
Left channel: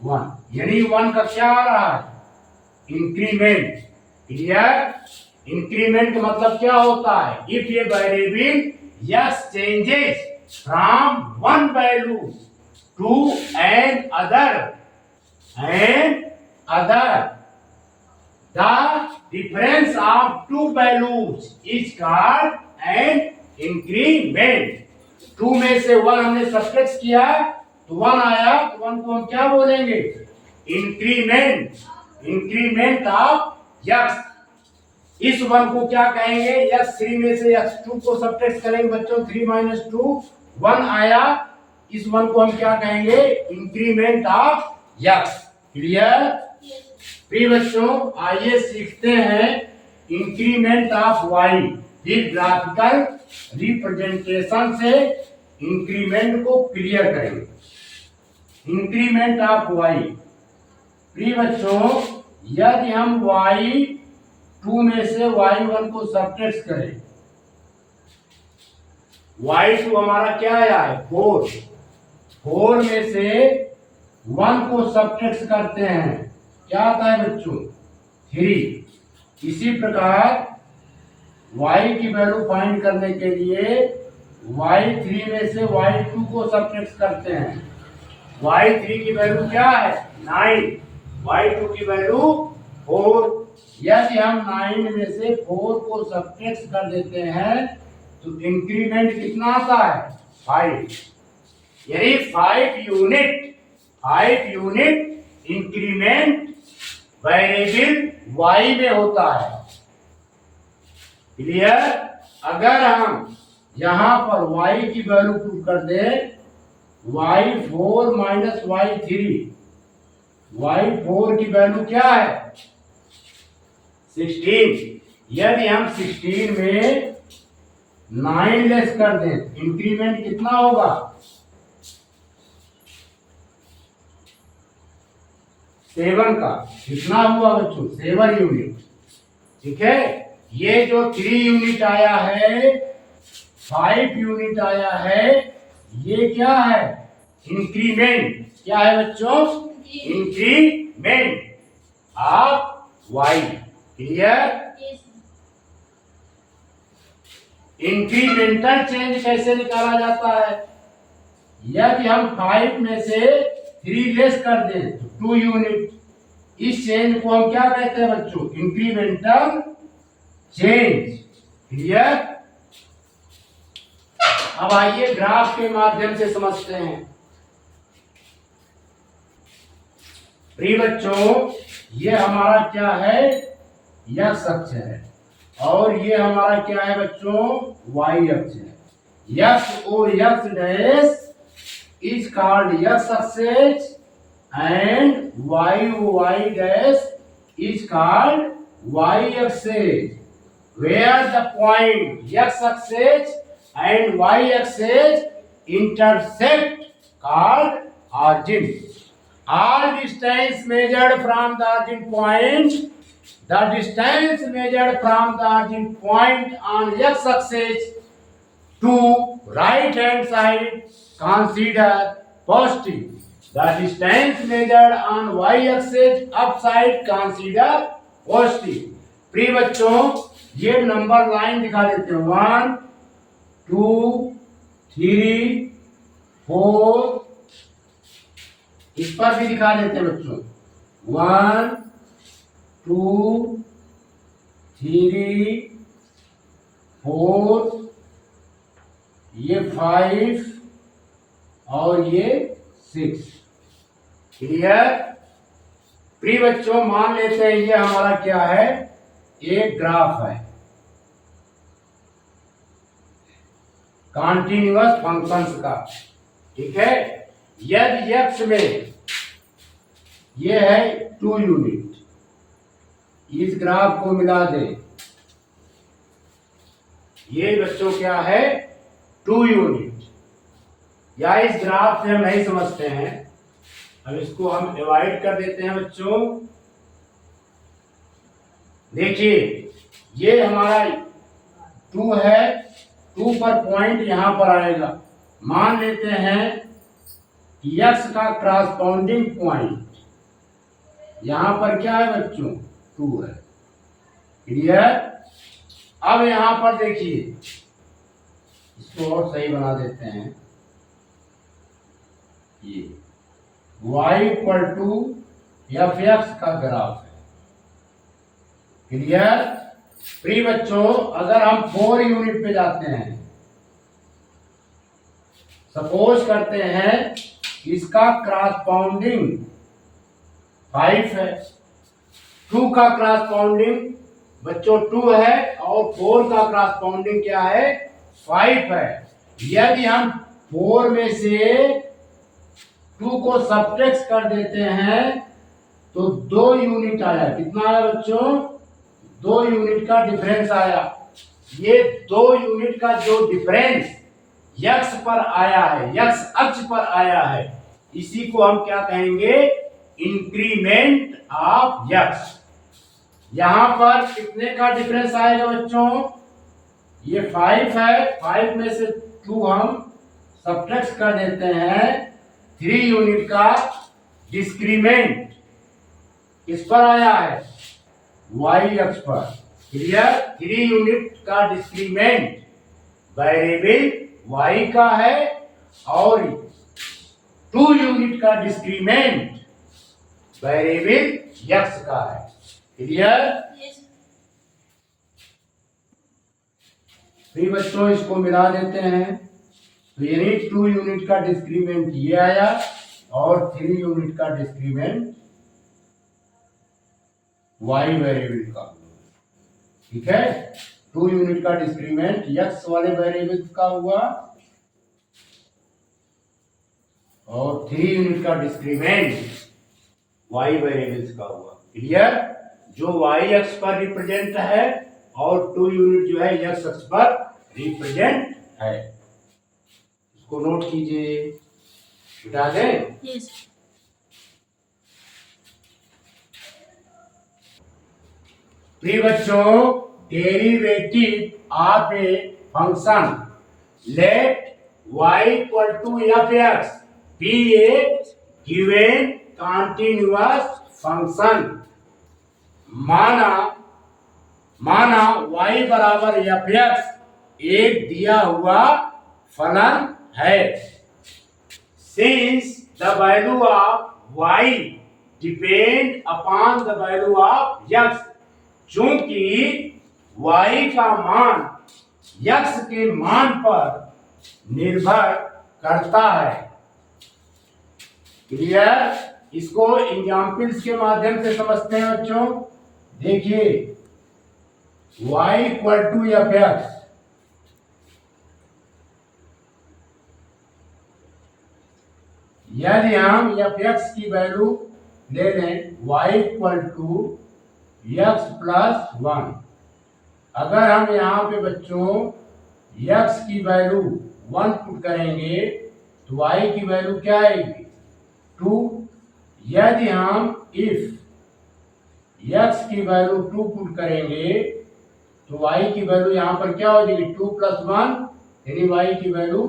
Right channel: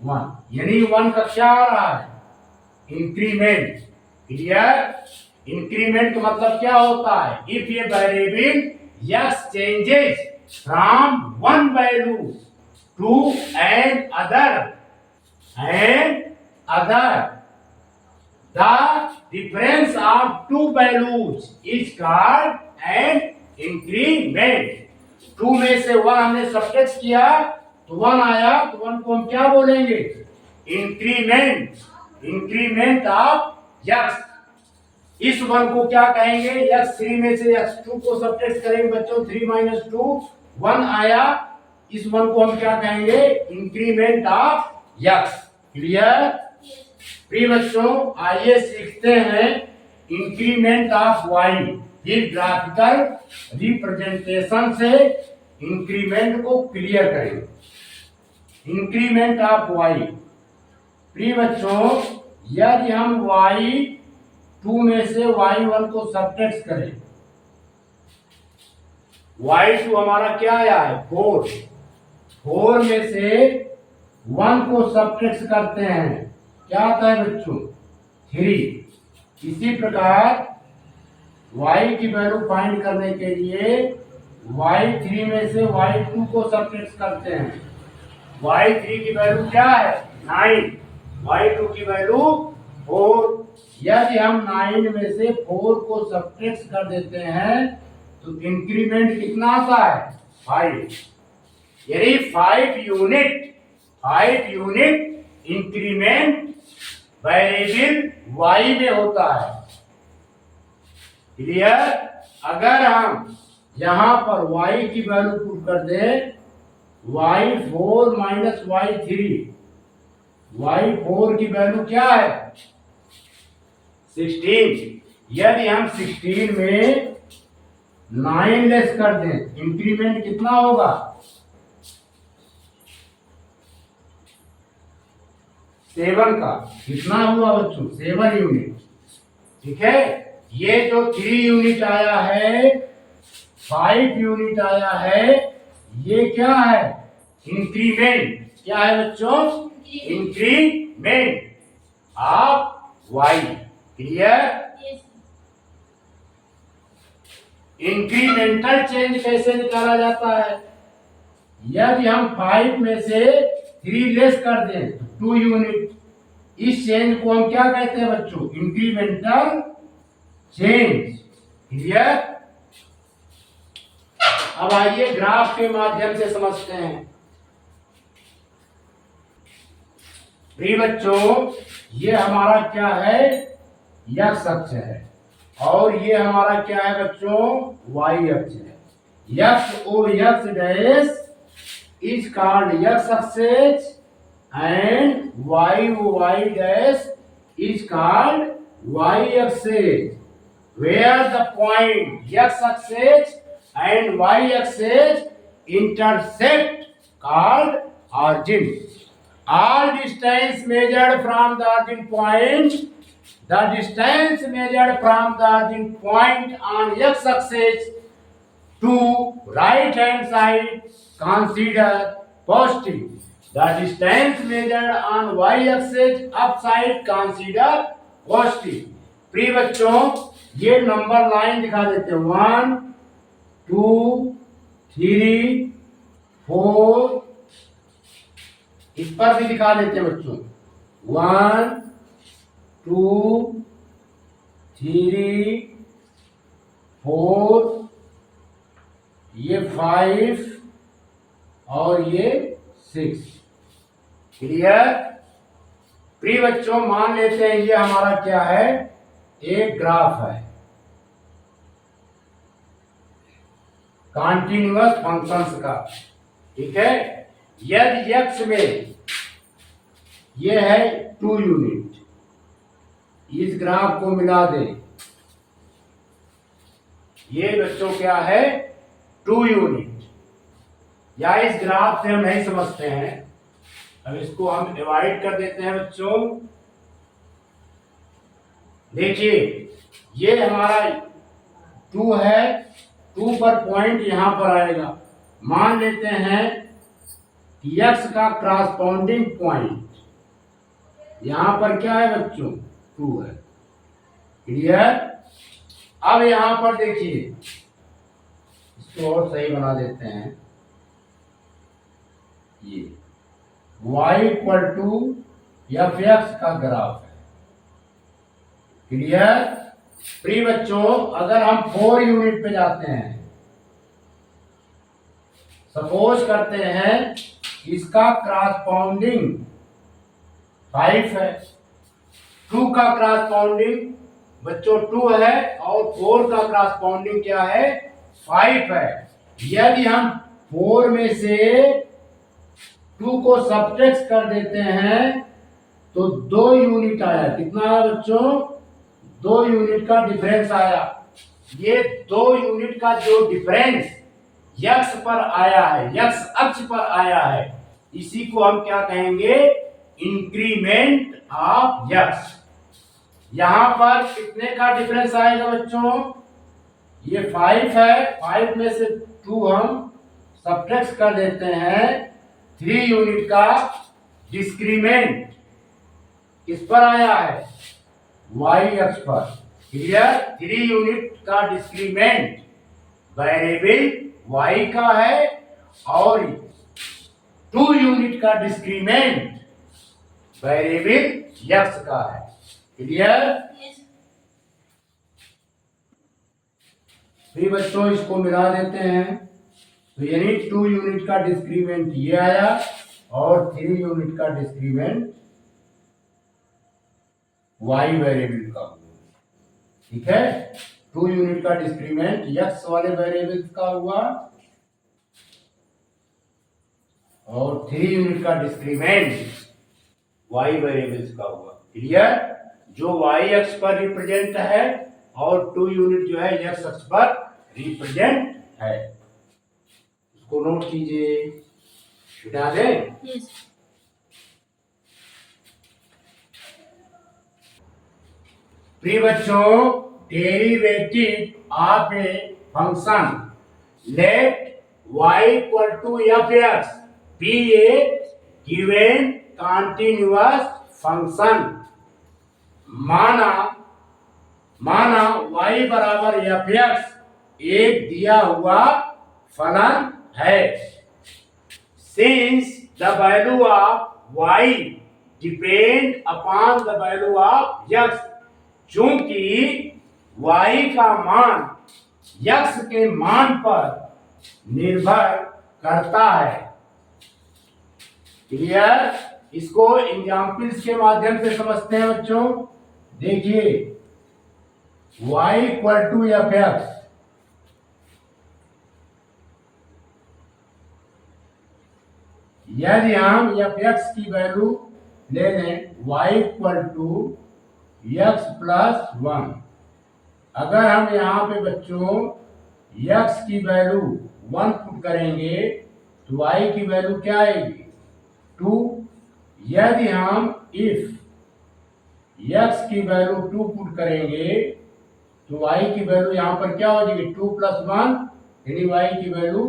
1, यानी 1 का क्या आ रहा है इंक्रीमेंट। क्लियर? इंक्रीमेंट का मतलब क्या होता है, if a variable x changes from one value to another the difference of two values is called an increment. 2 में से 1 हमने सबट्रैक्ट किया तो 1 आया, तो 1 को हम क्या बोलेंगे इंक्रीमेंट, इंक्रीमेंट ऑफ x। इस 1 को क्या कहेंगे, x3 में से x2 को सबट्रैक्ट करेंगे बच्चों, 3 - 2 1 आया, इस 1 को हम क्या कहेंगे इंक्रीमेंट ऑफ x। क्लियर? प्रिय बच्चों आइए सीखते हैं इंक्रीमेंट ऑफ y। फिर ग्राफिकल रिप्रेजेंटेशन से इंक्रीमेंट को क्लियर करेंगे। इंक्रीमेंट ऑफ y, प्रिय बच्चों यदि हम y2 में से y1 को सबट्रैक्ट करें, y2 हमारा क्या आया है 4, 4 में से 1 को सबट्रैक्ट करते हैं क्या आता है बच्चों 3। इसी प्रकार y की वैल्यू फाइंड करने के लिए y3 में से y2 को सबट्रैक्ट करते हैं, y3 की वैल्यू क्या है 9, y2 की वैल्यू 4। यदि हम 9 में से 4 को सबट्रैक्ट कर देते हैं तो इंक्रीमेंट कितना आता है 5, यानी 5 यूनिट इंक्रीमेंट वेरिएबल y में होता है। क्लियर? अगर हम यहां पर y की वैल्यू पुट कर दें y4 - y3, y4 की वैल्यू क्या है 16। यदि हम 16 में 9 लेस कर दें इंक्रीमेंट कितना होगा 7 का, कितना हुआ बच्चों 7 यूनिट। ठीक है, ये जो 3 यूनिट आया है 5 यूनिट आया है, ये क्या है इंक्रीमेंट। क्या है बच्चों increment of y। Clear? Incremental change कैसे निकाला जाता है, यदि हम 5 में से 3 लेस कर दें तो 2 यूनिट, इस चेंज को हम क्या कहते हैं बच्चों इंक्रीमेंटल चेंज। क्लियर? अब आइए ग्राफ के माध्यम से समझते हैं। प्रिय बच्चों ये हमारा क्या है x अक्ष है और ये हमारा क्या है बच्चों y अक्ष है। x dash is called x axis and y dash is called y axis, where the point x axis and y axis intersect called origin. All distance measured from the origin point, the distance measured from the origin point on x axis to right hand side consider positive. The distance measured on y axis upside consider positive. प्रिय बच्चों ये number line दिखा देते हैं 1 2 3 4, इस पर भी दिखा देते हैं बच्चों 1 2 3 4, ये 5 और ये 6। क्लियर? प्रिय बच्चों मान लेते हैं ये हमारा क्या है एक ग्राफ है कॉन्टिन्यूअस फंक्शंस का। ठीक है, यदि x में ये है 2 यूनिट, इस ग्राफ को मिला दें ये बच्चों क्या है 2 यूनिट। या इस ग्राफ से हम नहीं समझते हैं, अब इसको हम डिवाइड कर देते हैं बच्चों। देखिए ये हमारा 2 है, 2 पर पॉइंट यहां पर आएगा। मान लेते हैं कि x का क्रॉसपोंडिंग पॉइंट यहां पर क्या है बच्चों 2 है। क्लियर। अब यहां पर देखिए, इसको और सही बना देते हैं। ये y equal to f x का ग्राफ है। क्लियर। प्रिय बच्चों, अगर हम 4 यूनिट पे जाते हैं, सपोज करते हैं इसका क्रॉसपोंडिंग 5 है, 2 का क्रॉसपोंडिंग बच्चों 2 है और 4 का क्रॉसपोंडिंग क्या है 5 है। यदि हम 4 में से 2 को सब्ट्रैक्ट कर देते हैं तो 2 यूनिट आया। कितना आया बच्चों 2 यूनिट का डिफरेंस आया। ये 2 यूनिट का जो डिफरेंस यक्स पर आया है, यक्स अक्ष पर आया है, इसी को हम क्या कहेंगे इंक्रीमेंट ऑफ यक्स। यहां पर कितने का डिफरेंस आएगा बच्चों, ये 5 है, 5 में से 2 हम सब्ट्रैक्ट कर देते हैं, 3 यूनिट का डिस्क्रीमेंट किस पर आया है y अक्ष पर। क्लियर। 3 यूनिट का डिस्क्रीमेंट वेरिएबल y का है और 2 यूनिट का डिस्क्रीमेंट वेरिएबल x का है। क्लियर। फिर बच्चों इसको मिला देते हैं, तो यानी 2 यूनिट का डिस्क्रीमेंट ये आया और 3 यूनिट का डिस्क्रीमेंट y वेरिएबल का। ठीक है, 2 यूनिट का डिस्क्रीमेंट x वाले वेरिएबल का हुआ और 3 यूनिट का डिस्क्रीमेंट y वेरिएबल्स का हुआ। क्लियर। जो y अक्ष पर रिप्रेजेंट है और 2 यूनिट जो है x अक्ष पर रिप्रेजेंट है। इसको नोट कीजिए, मिटा दें। yes. प्रिय बच्चों, derivative of a function let y equal to f x be a given continuous function. माना y बराबर एफ एक्स एक दिया हुआ फलन है। Since the value of y depend upon the value of x, चूंकि y का मान x के मान पर निर्भर करता है। क्लियर। इसको एग्जाम्पल्स के माध्यम से समझते हैं बच्चों। देखिए y equal to f x, यदि हम एफ एक्स की वैल्यू ले लें y equal to x plus 1, अगर हम यहाँ पे बच्चों x की वैल्यू 1 पुट करेंगे तो y की वैल्यू क्या आएगी 2। यदि हम इफ x की वैल्यू 2 पुट करेंगे तो y की वैल्यू यहाँ पर क्या हो जाएगी 2 प्लस 1 यानी y की वैल्यू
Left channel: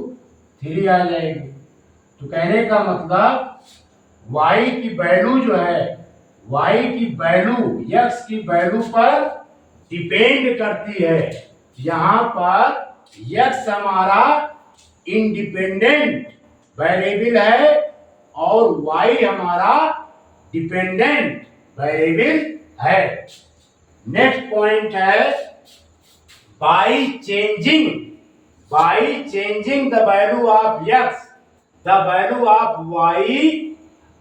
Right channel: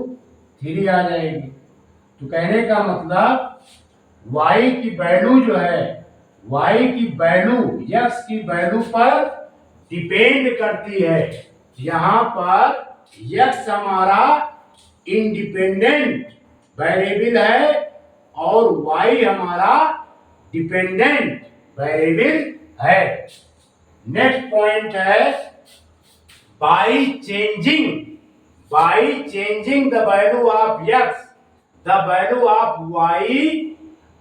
3 आ जाएगी। तो कहने का मतलब y की वैल्यू जो है, y की वैल्यू x की वैल्यू पर डिपेंड करती है। यहाँ पर x हमारा इंडिपेंडेंट वेरिएबल है और y हमारा डिपेंडेंट वेरिएबल है। नेक्स्ट पॉइंट है by changing the value of x, the value of y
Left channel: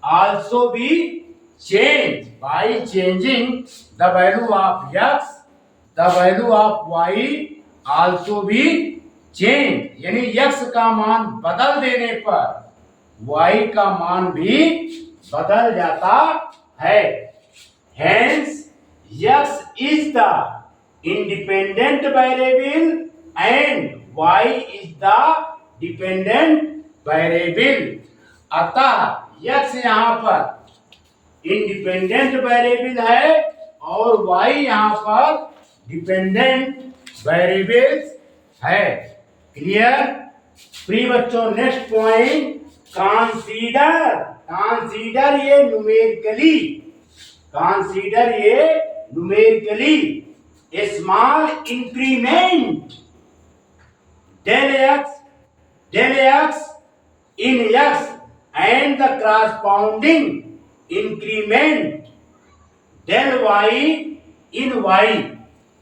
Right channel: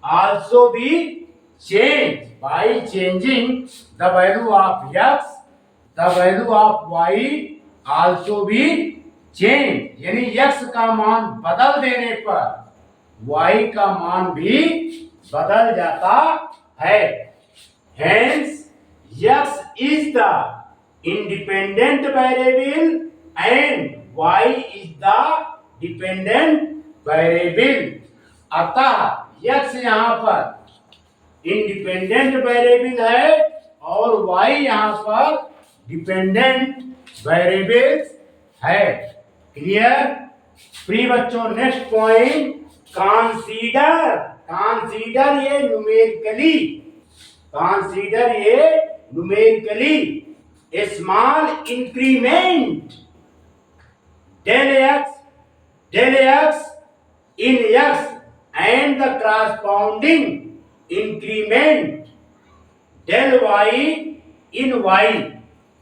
also be changed. By changing the value of x, the value of y also be changed. यानी x का मान बदल देने पर y का मान भी बदल जाता है। Hence x is the independent variable and y is the dependent variable। अतः x यहाँ पर इंडिपेंडेंट वेरिएबल है और y यहाँ पर डिपेंडेंट वेरिएबल है। क्लियर? प्रिय बच्चों, नेक्स्ट पॉइंट, कंसीडर। कंसीडर ये न्यूमेरिकली, कंसीडर ये numerically small increment del x in x and the corresponding increment del y in y।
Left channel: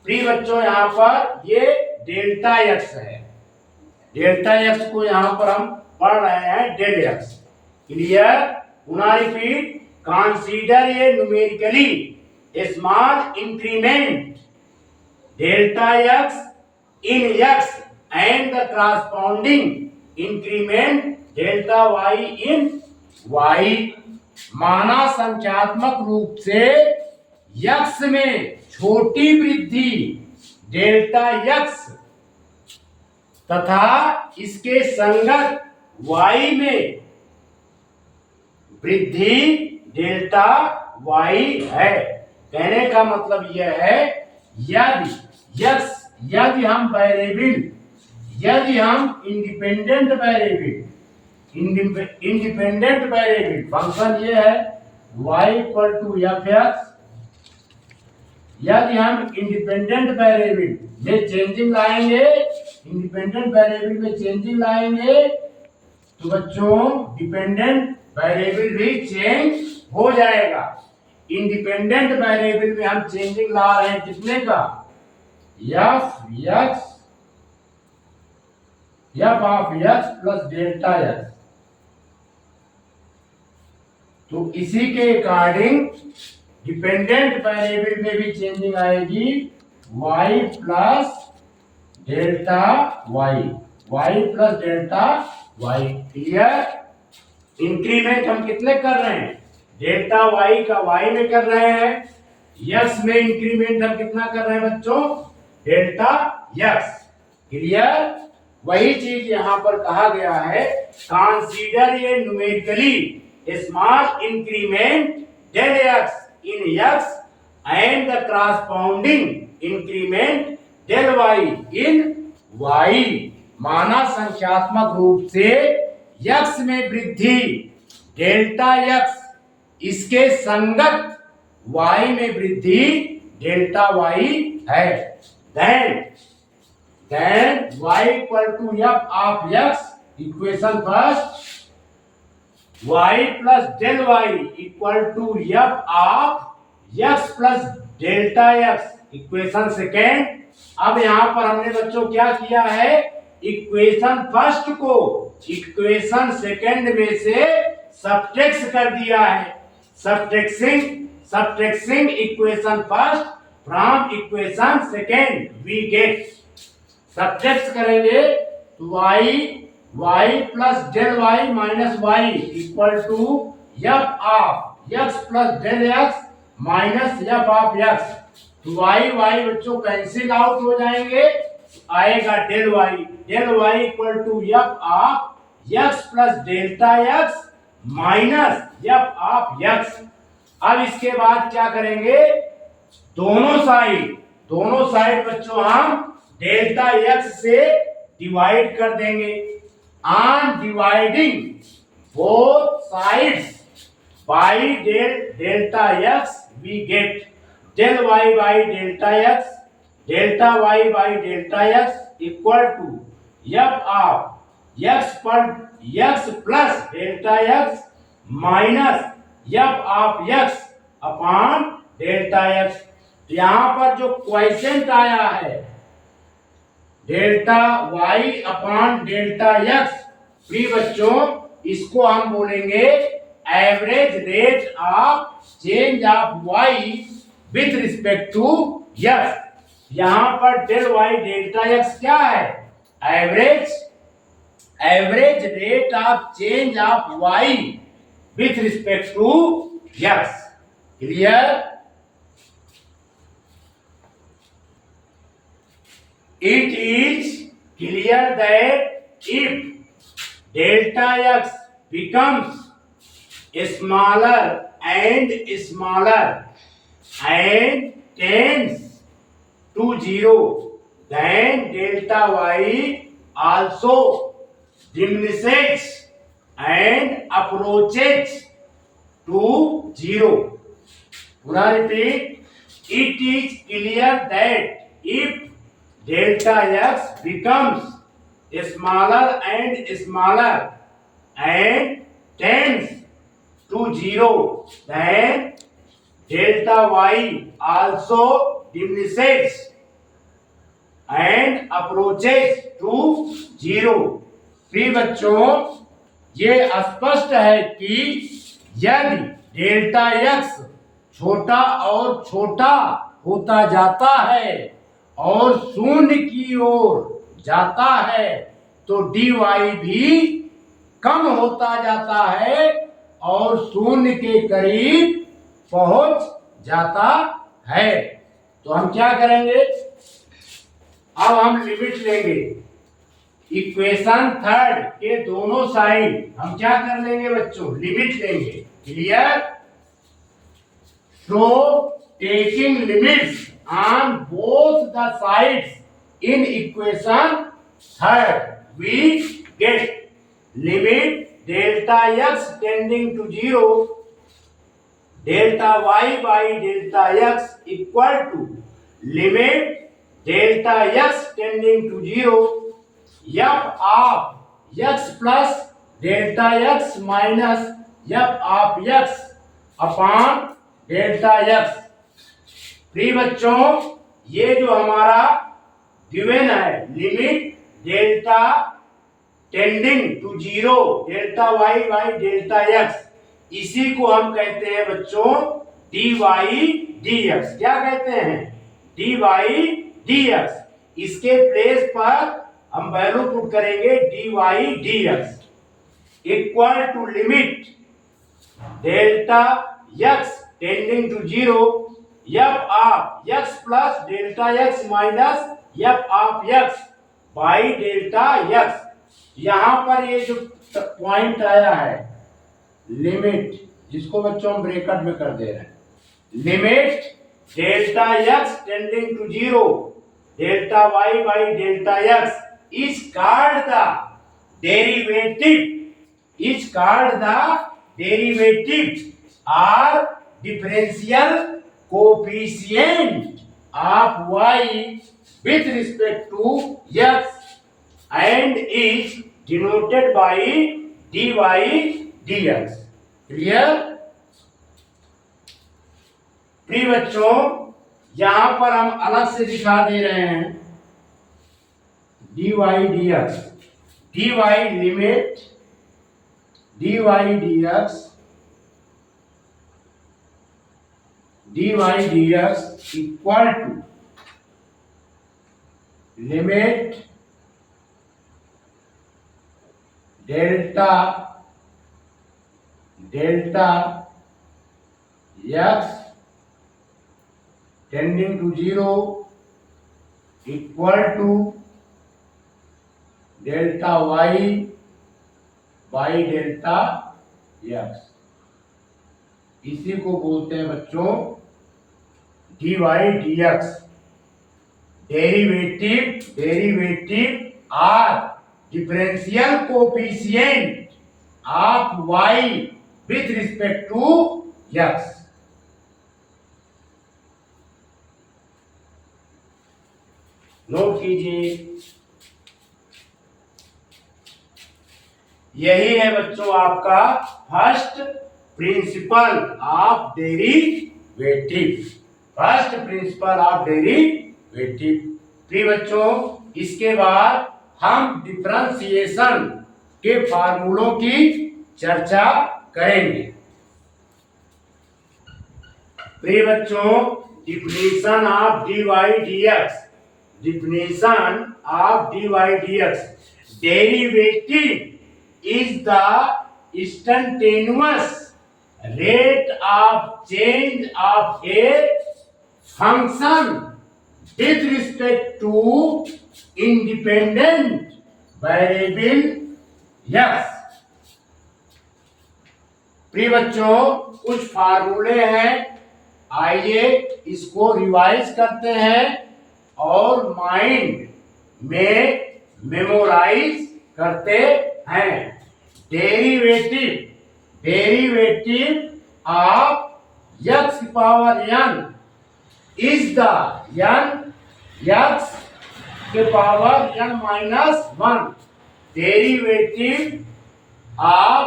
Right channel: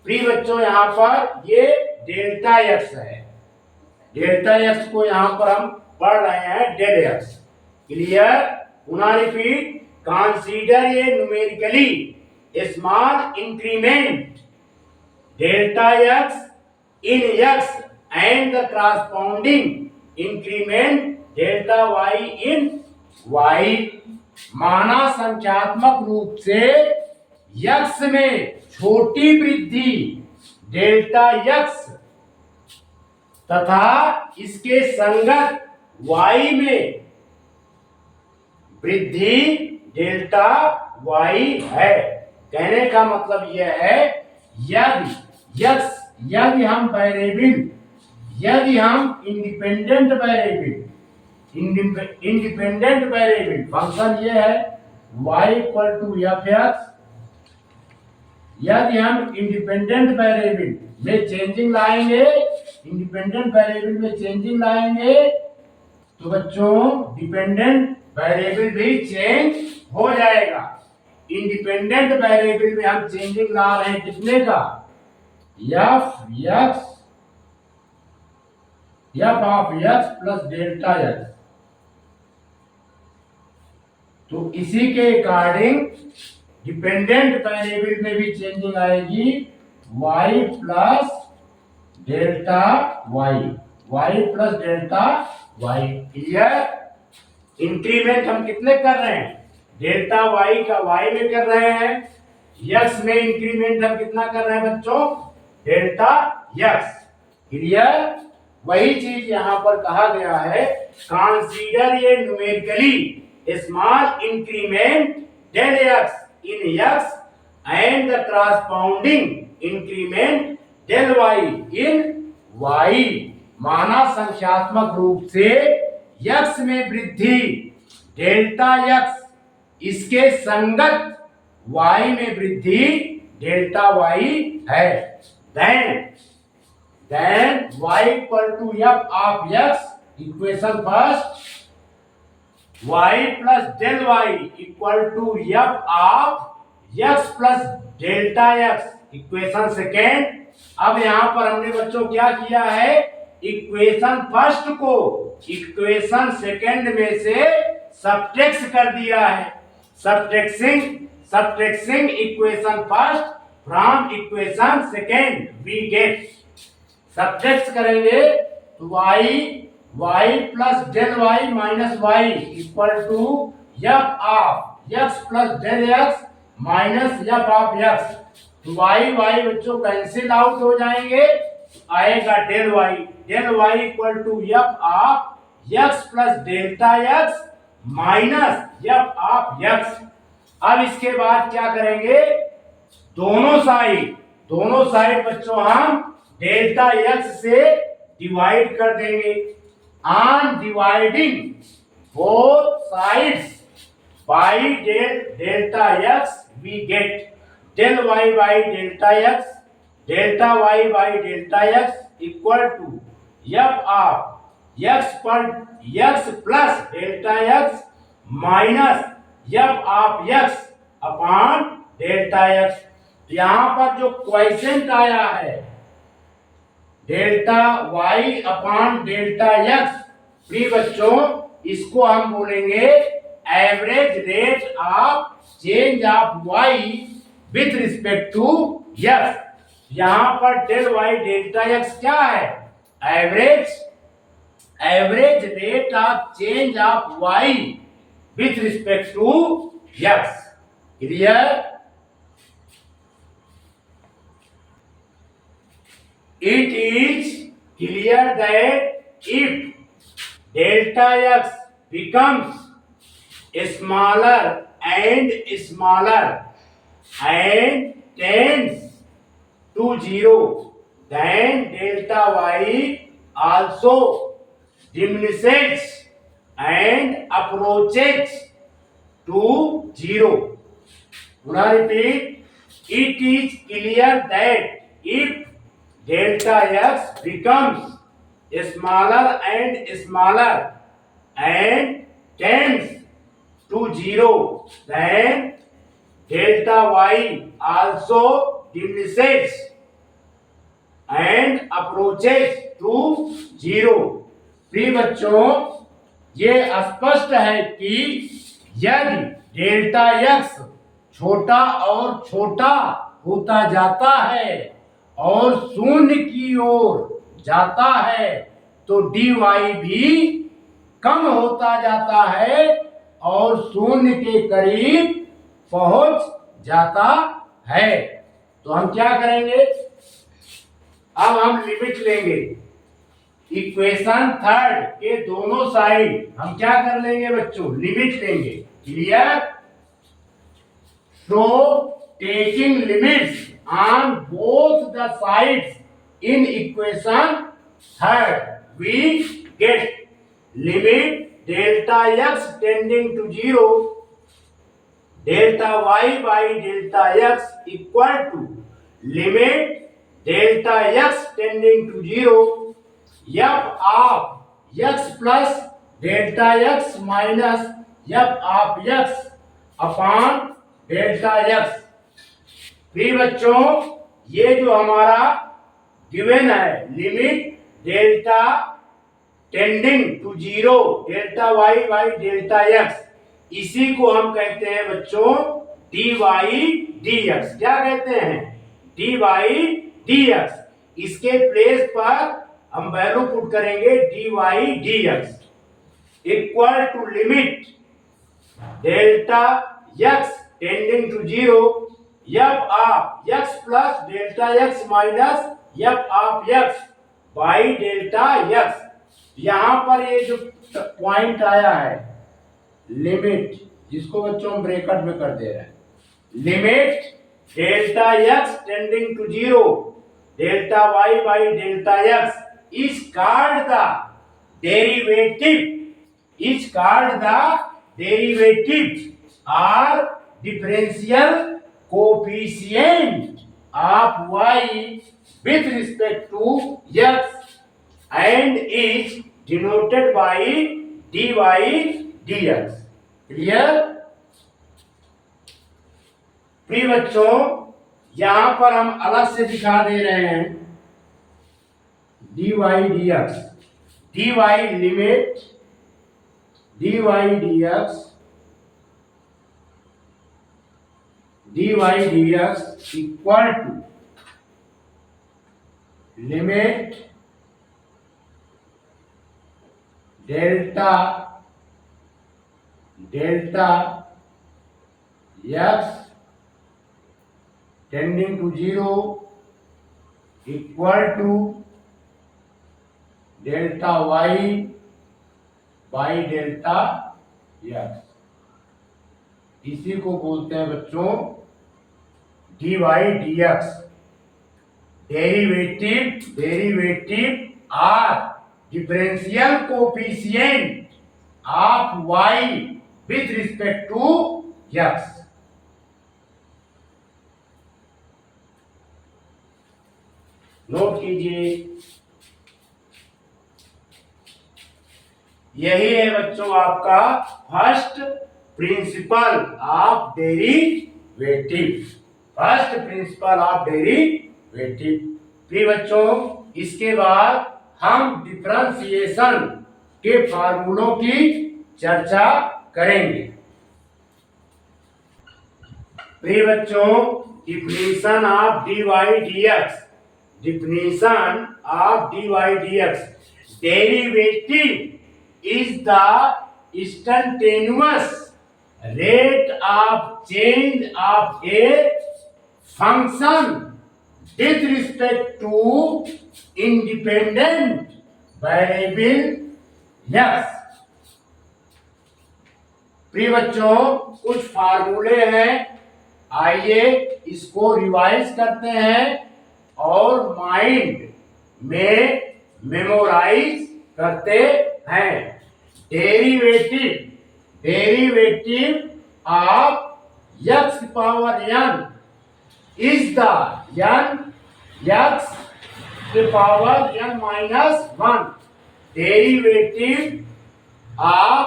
प्रिय बच्चों, यहाँ पर ये डेल्टा x है, डेल्टा x को यहाँ पर हम पढ़ रहे हैं डेल x। क्लियर? पुनः रिपीट, कंसीडर ये numerically small increment delta x in x and the corresponding increment delta y in y। माना संख्यात्मक रूप से x में छोटी वृद्धि डेल्टा x तथा इसके संगत y में वृद्धि डेल्टा y है। कहने का मतलब यह है, यदि हम वेरिएबल, यदि हम इंडिपेंडेंट वेरिएबल फंक्शन ये है y equal to f x, यदि हम इंडिपेंडेंट वेरिएबल में चेंजिंग लाएंगे, इंडिपेंडेंट वेरिएबल में चेंजिंग लाएंगे तो बच्चों डिपेंडेंट वेरिएबल भी चेंज हो जाएगा। इंडिपेंडेंट वेरिएबल में हम चेंजिंग ला रहे हैं कितने का, F of x plus delta x. तो इसी के अकॉर्डिंग डिपेंडेंट वेरिएबल में भी चेंजिंग आएगी y plus delta y plus delta y। Clear? Increment हम कितने कर रहे हैं, डेल्टा y का y में कर रहे हैं, x में इंक्रीमेंट हम कितना कर रहे हैं बच्चों, डेल्टा x। क्लियर? वही चीज यहां पर कहा गया है, कंसीडर ये numerically small increment del x in x and the corresponding increment del y in y। माना संख्यात्मक रूप से x में वृद्धि डेल्टा x, इसके संगत y में वृद्धि डेल्टा y है। then y equal to f of x, equation first, y plus del y equal to f of x plus delta x, equation second. अब यहां पर हमने बच्चों क्या किया है, इक्वेशन फर्स्ट को इक्वेशन सेकेंड में से सब्ट्रैक्ट कर दिया है। Subtracting equation first from equation second we get, subtract करेंगे तो y plus del y minus y equal to f of x plus del x minus f of x। तो y बच्चों cancel out हो जाएंगे, आएगा del y equal to f of x plus delta x minus f of x। अब इसके बाद क्या करेंगे, दोनों साइड बच्चों हम डेल्टा x से डिवाइड कर देंगे। On dividing both sides by delta x we get del y by delta y by delta x equal to f of x plus delta x minus f of x upon delta x। यहां पर जो quotient आया है delta y upon delta x, प्रिय बच्चों इसको हम बोलेंगे average rate of change of y with respect to x। यहां पर डेल y डेल्टा x क्या है, average rate of change of y with respect to x। Clear? It is clear that if delta x becomes smaller and smaller and tends to 0, then delta y also diminishes and approaches to 0. Now repeat. It is clear that if delta x becomes smaller and smaller and tends to 0, then delta y also diminishes and approaches to 0. प्रिय बच्चों, ये स्पष्ट है कि यदि delta x छोटा और छोटा होता जाता है और शून्य की ओर जाता है तो dy भी कम होता जाता है और शून्य के करीब पहुंच जाता है। तो हम क्या करेंगे, अब हम लिमिट लेंगे। इक्वेशन थर्ड के दोनों साइड हम क्या कर लेंगे बच्चों, लिमिट लेंगे। Clear? So taking limits on both the sides in equation third, we get limit delta x tending to 0, delta y by delta x equal to limit delta x tending to 0, f of x plus delta x minus f of x upon delta x. प्रिय बच्चों, ये जो हमारा given है limit delta tending to 0 delta y by delta x, इसी को हम कहते हैं बच्चों डी वाई डी एक्स। क्या कहते हैं? D y d x. इसके प्लेस पर हम वैल्यू पुट करेंगे d y d x equal to limit delta x tending to 0 f of x plus delta x minus f of x by delta x। यहां पर ये जो point आया है लिमिट, जिसको बच्चों हम ब्रैकेट में कर दे रहे हैं, limit delta x tending to 0 delta y by delta x is called the derivative, is called the derivative or differential coefficient of y with respect to x and is denoted by dy dx। Clear? प्रिय बच्चों, यहां पर हम अलग से दिखा दे रहे हैं dy dx, dy limit dy dx dy dx equal to limit delta x tending to 0 equal to delta y by delta x। इसी को बोलते हैं बच्चों dy dx। Derivative or differential coefficient of y with respect to x। Note कीजिए, यही है बच्चों आपका first principle of derivative, first principle of derivative. प्रिय बच्चों, इसके बाद हम डिफरेंशिएशन के फार्मूलों की चर्चा करेंगे। प्रिय बच्चों, definition of dy dx, definition of dy dx, derivative is the instantaneous rate of change of a function with respect to independent variable x। प्रिय बच्चों, कुछ फार्मूले हैं, आइए इसको रिवाइज करते हैं और माइंड में मेमोराइज करते हैं। Derivative of x power n is the x के power n minus 1 derivative of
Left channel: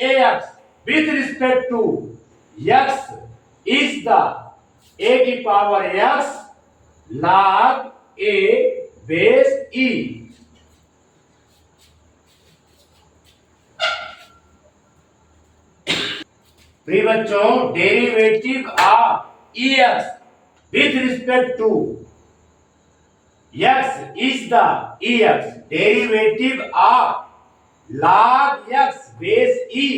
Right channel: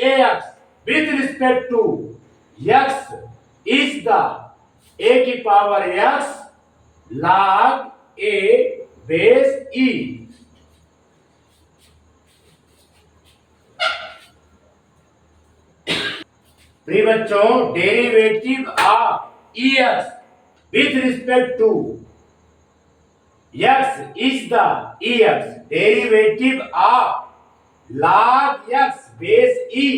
ax with respect to x is the a की power x log a base e। प्रिय बच्चों, derivative of ex with respect to x is the ex derivative of log x base e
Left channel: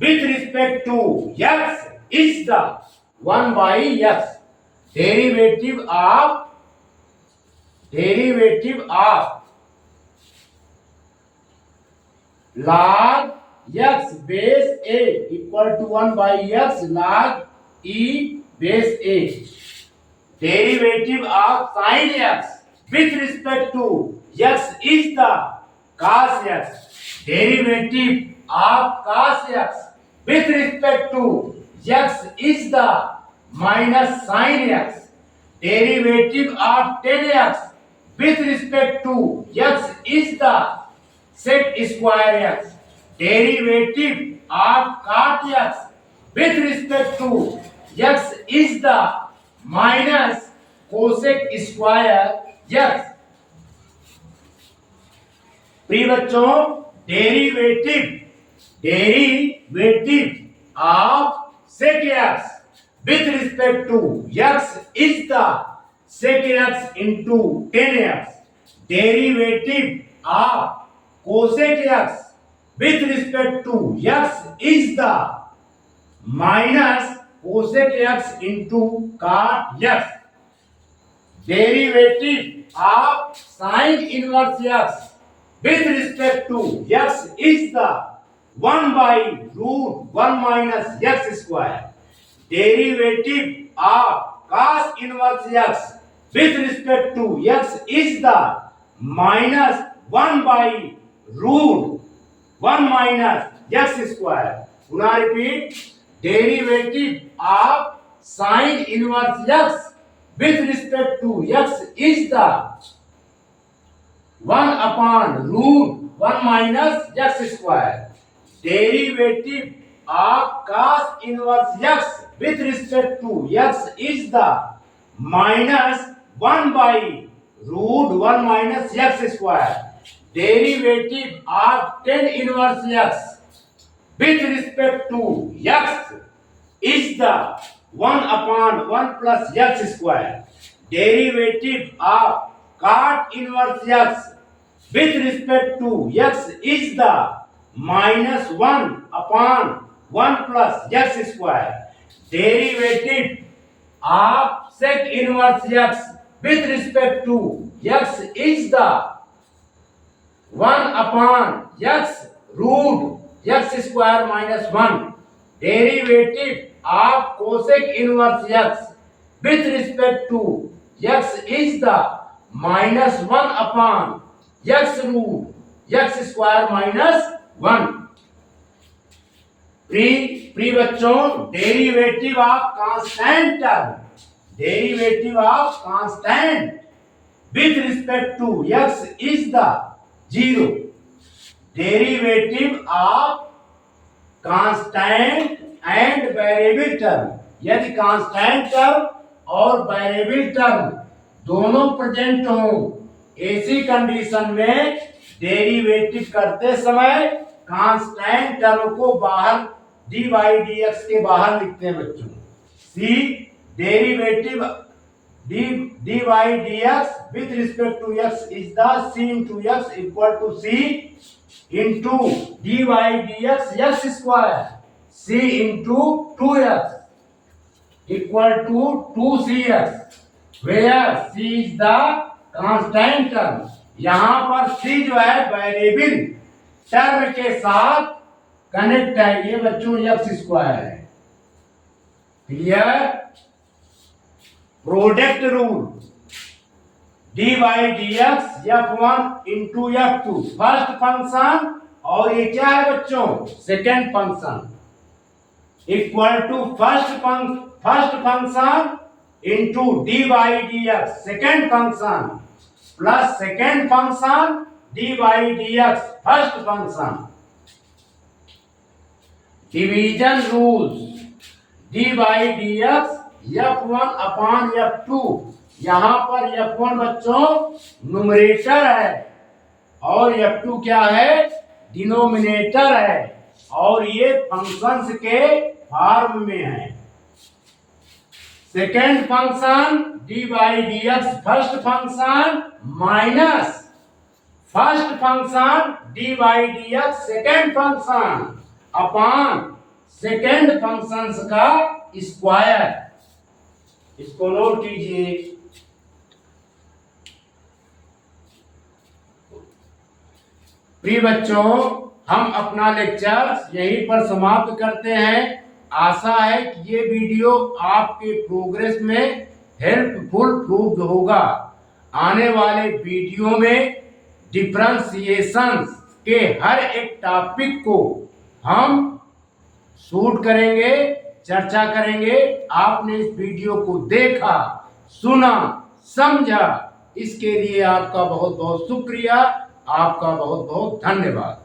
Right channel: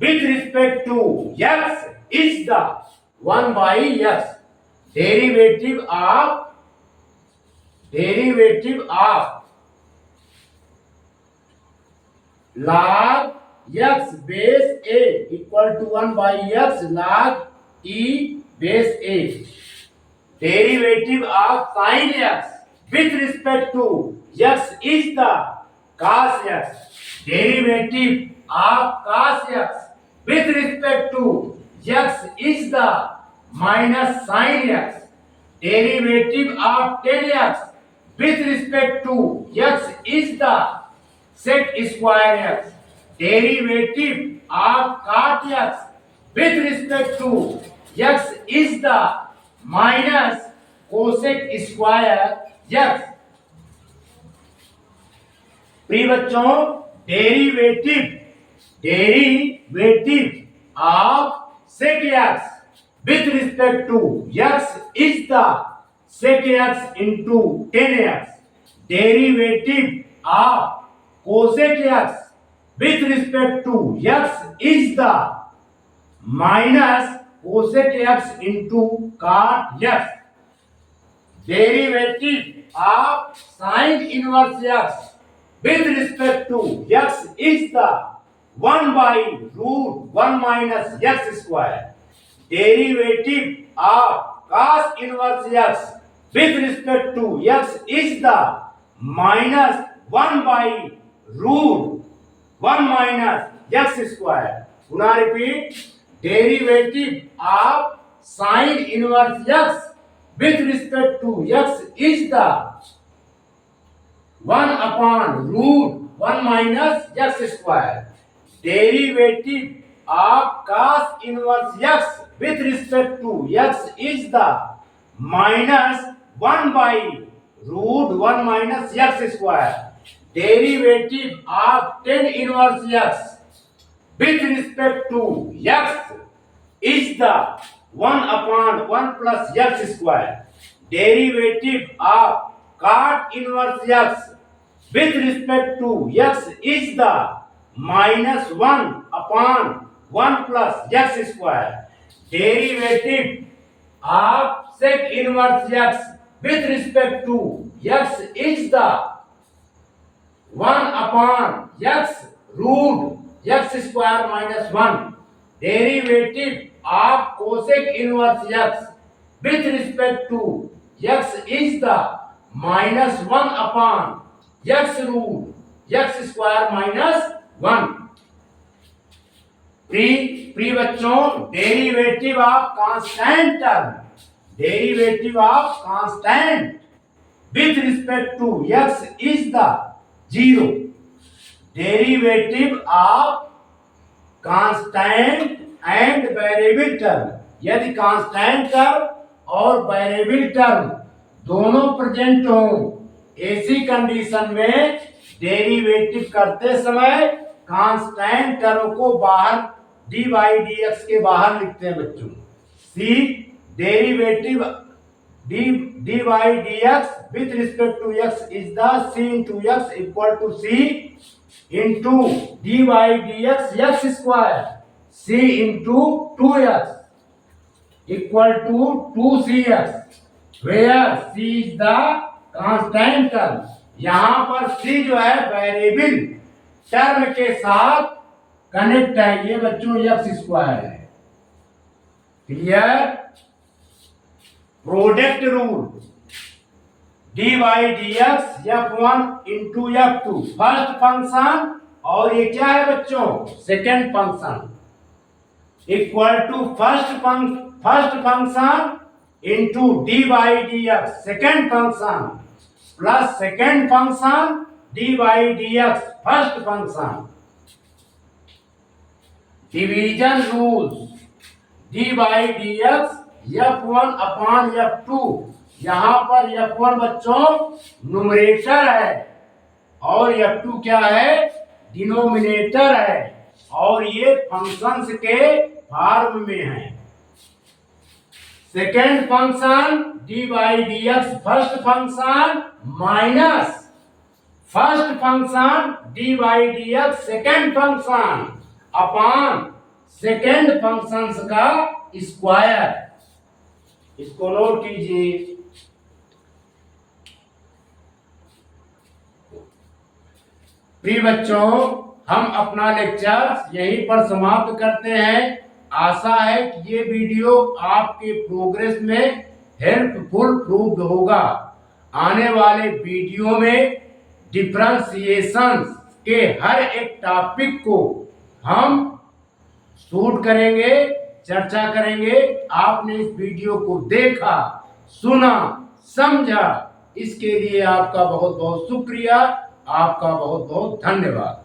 with respect to x is the 1 by x derivative of log x base a equal to 1 by x log e base a। derivative of sin x with respect to x is the cos x। derivative of cos x with respect to x is the minus sin x। derivative of tan x with respect to x is the sec square x। derivative of cot x with respect to x is the minus cosec square x। प्रिय बच्चों, derivative of sec x with respect to x is the sec x into tan x। derivative of cosec x with respect to x is the minus cosec x into cot x। derivative of sin inverse x with respect to x is the 1 by root 1 minus x square। derivative of cos inverse x with respect to x is the minus 1 by root 1 minus x square। Now repeat, derivative of sin inverse x with respect to x is the 1 upon root 1 minus x square। derivative of cos inverse x with respect to x is the minus 1 by root 1 minus x square। derivative of tan inverse x with respect to x is the 1 upon 1 plus x square। derivative of cot inverse x with respect to x is the minus 1 upon 1 plus x square। derivative of sec inverse x with respect to x is the 1 upon x root x square minus 1। derivative of cosec inverse x with respect to x is the minus 1 upon x root x square minus 1। प्रिय बच्चों, derivative of constant with respect to x is the 0। derivative of constant and variable term, यदि constant term और variable term दोनों present हो, ऐसी condition में derivative करते समय कांस्टेंट टर्म को बाहर dy dx के बाहर लिखते हैं बच्चों। c derivative dy dx with respect to x is the c into x equal to c into dy dx x square c into 2x। Equal to 2cx, where c is the constant term. यहां पर c जो है variable term के साथ connect है, ये बच्चों x square है। Clear? Product rule, dy dx f1 into f2 first function, और ये क्या है बच्चों? Second function, equal to first function into dy dx second function plus second function dy dx first function. Division rules, dy dx f1 अपॉन f2, यहां पर f1 बच्चों numerator है और f2 क्या है? डिनोमिनेटर है, और ये फंक्शंस के फॉर्म में है। Second function dy dx first function minus first function dy dx second function upon second functions का स्क्वायर। इसको नोट कीजिए। प्रिय बच्चों, हम अपना लेक्चर यहीं पर समाप्त करते हैं। आशा है कि ये वीडियो आपके प्रोग्रेस में हेल्पफुल प्रूव्ड होगा। आने वाले वीडियो में डिफरेंशिएशन के हर एक टॉपिक को हम शूट करेंगे, चर्चा करेंगे। आपने इस वीडियो को देखा, सुना, समझा, इसके लिए आपका बहुत बहुत शुक्रिया, आपका बहुत बहुत धन्यवाद।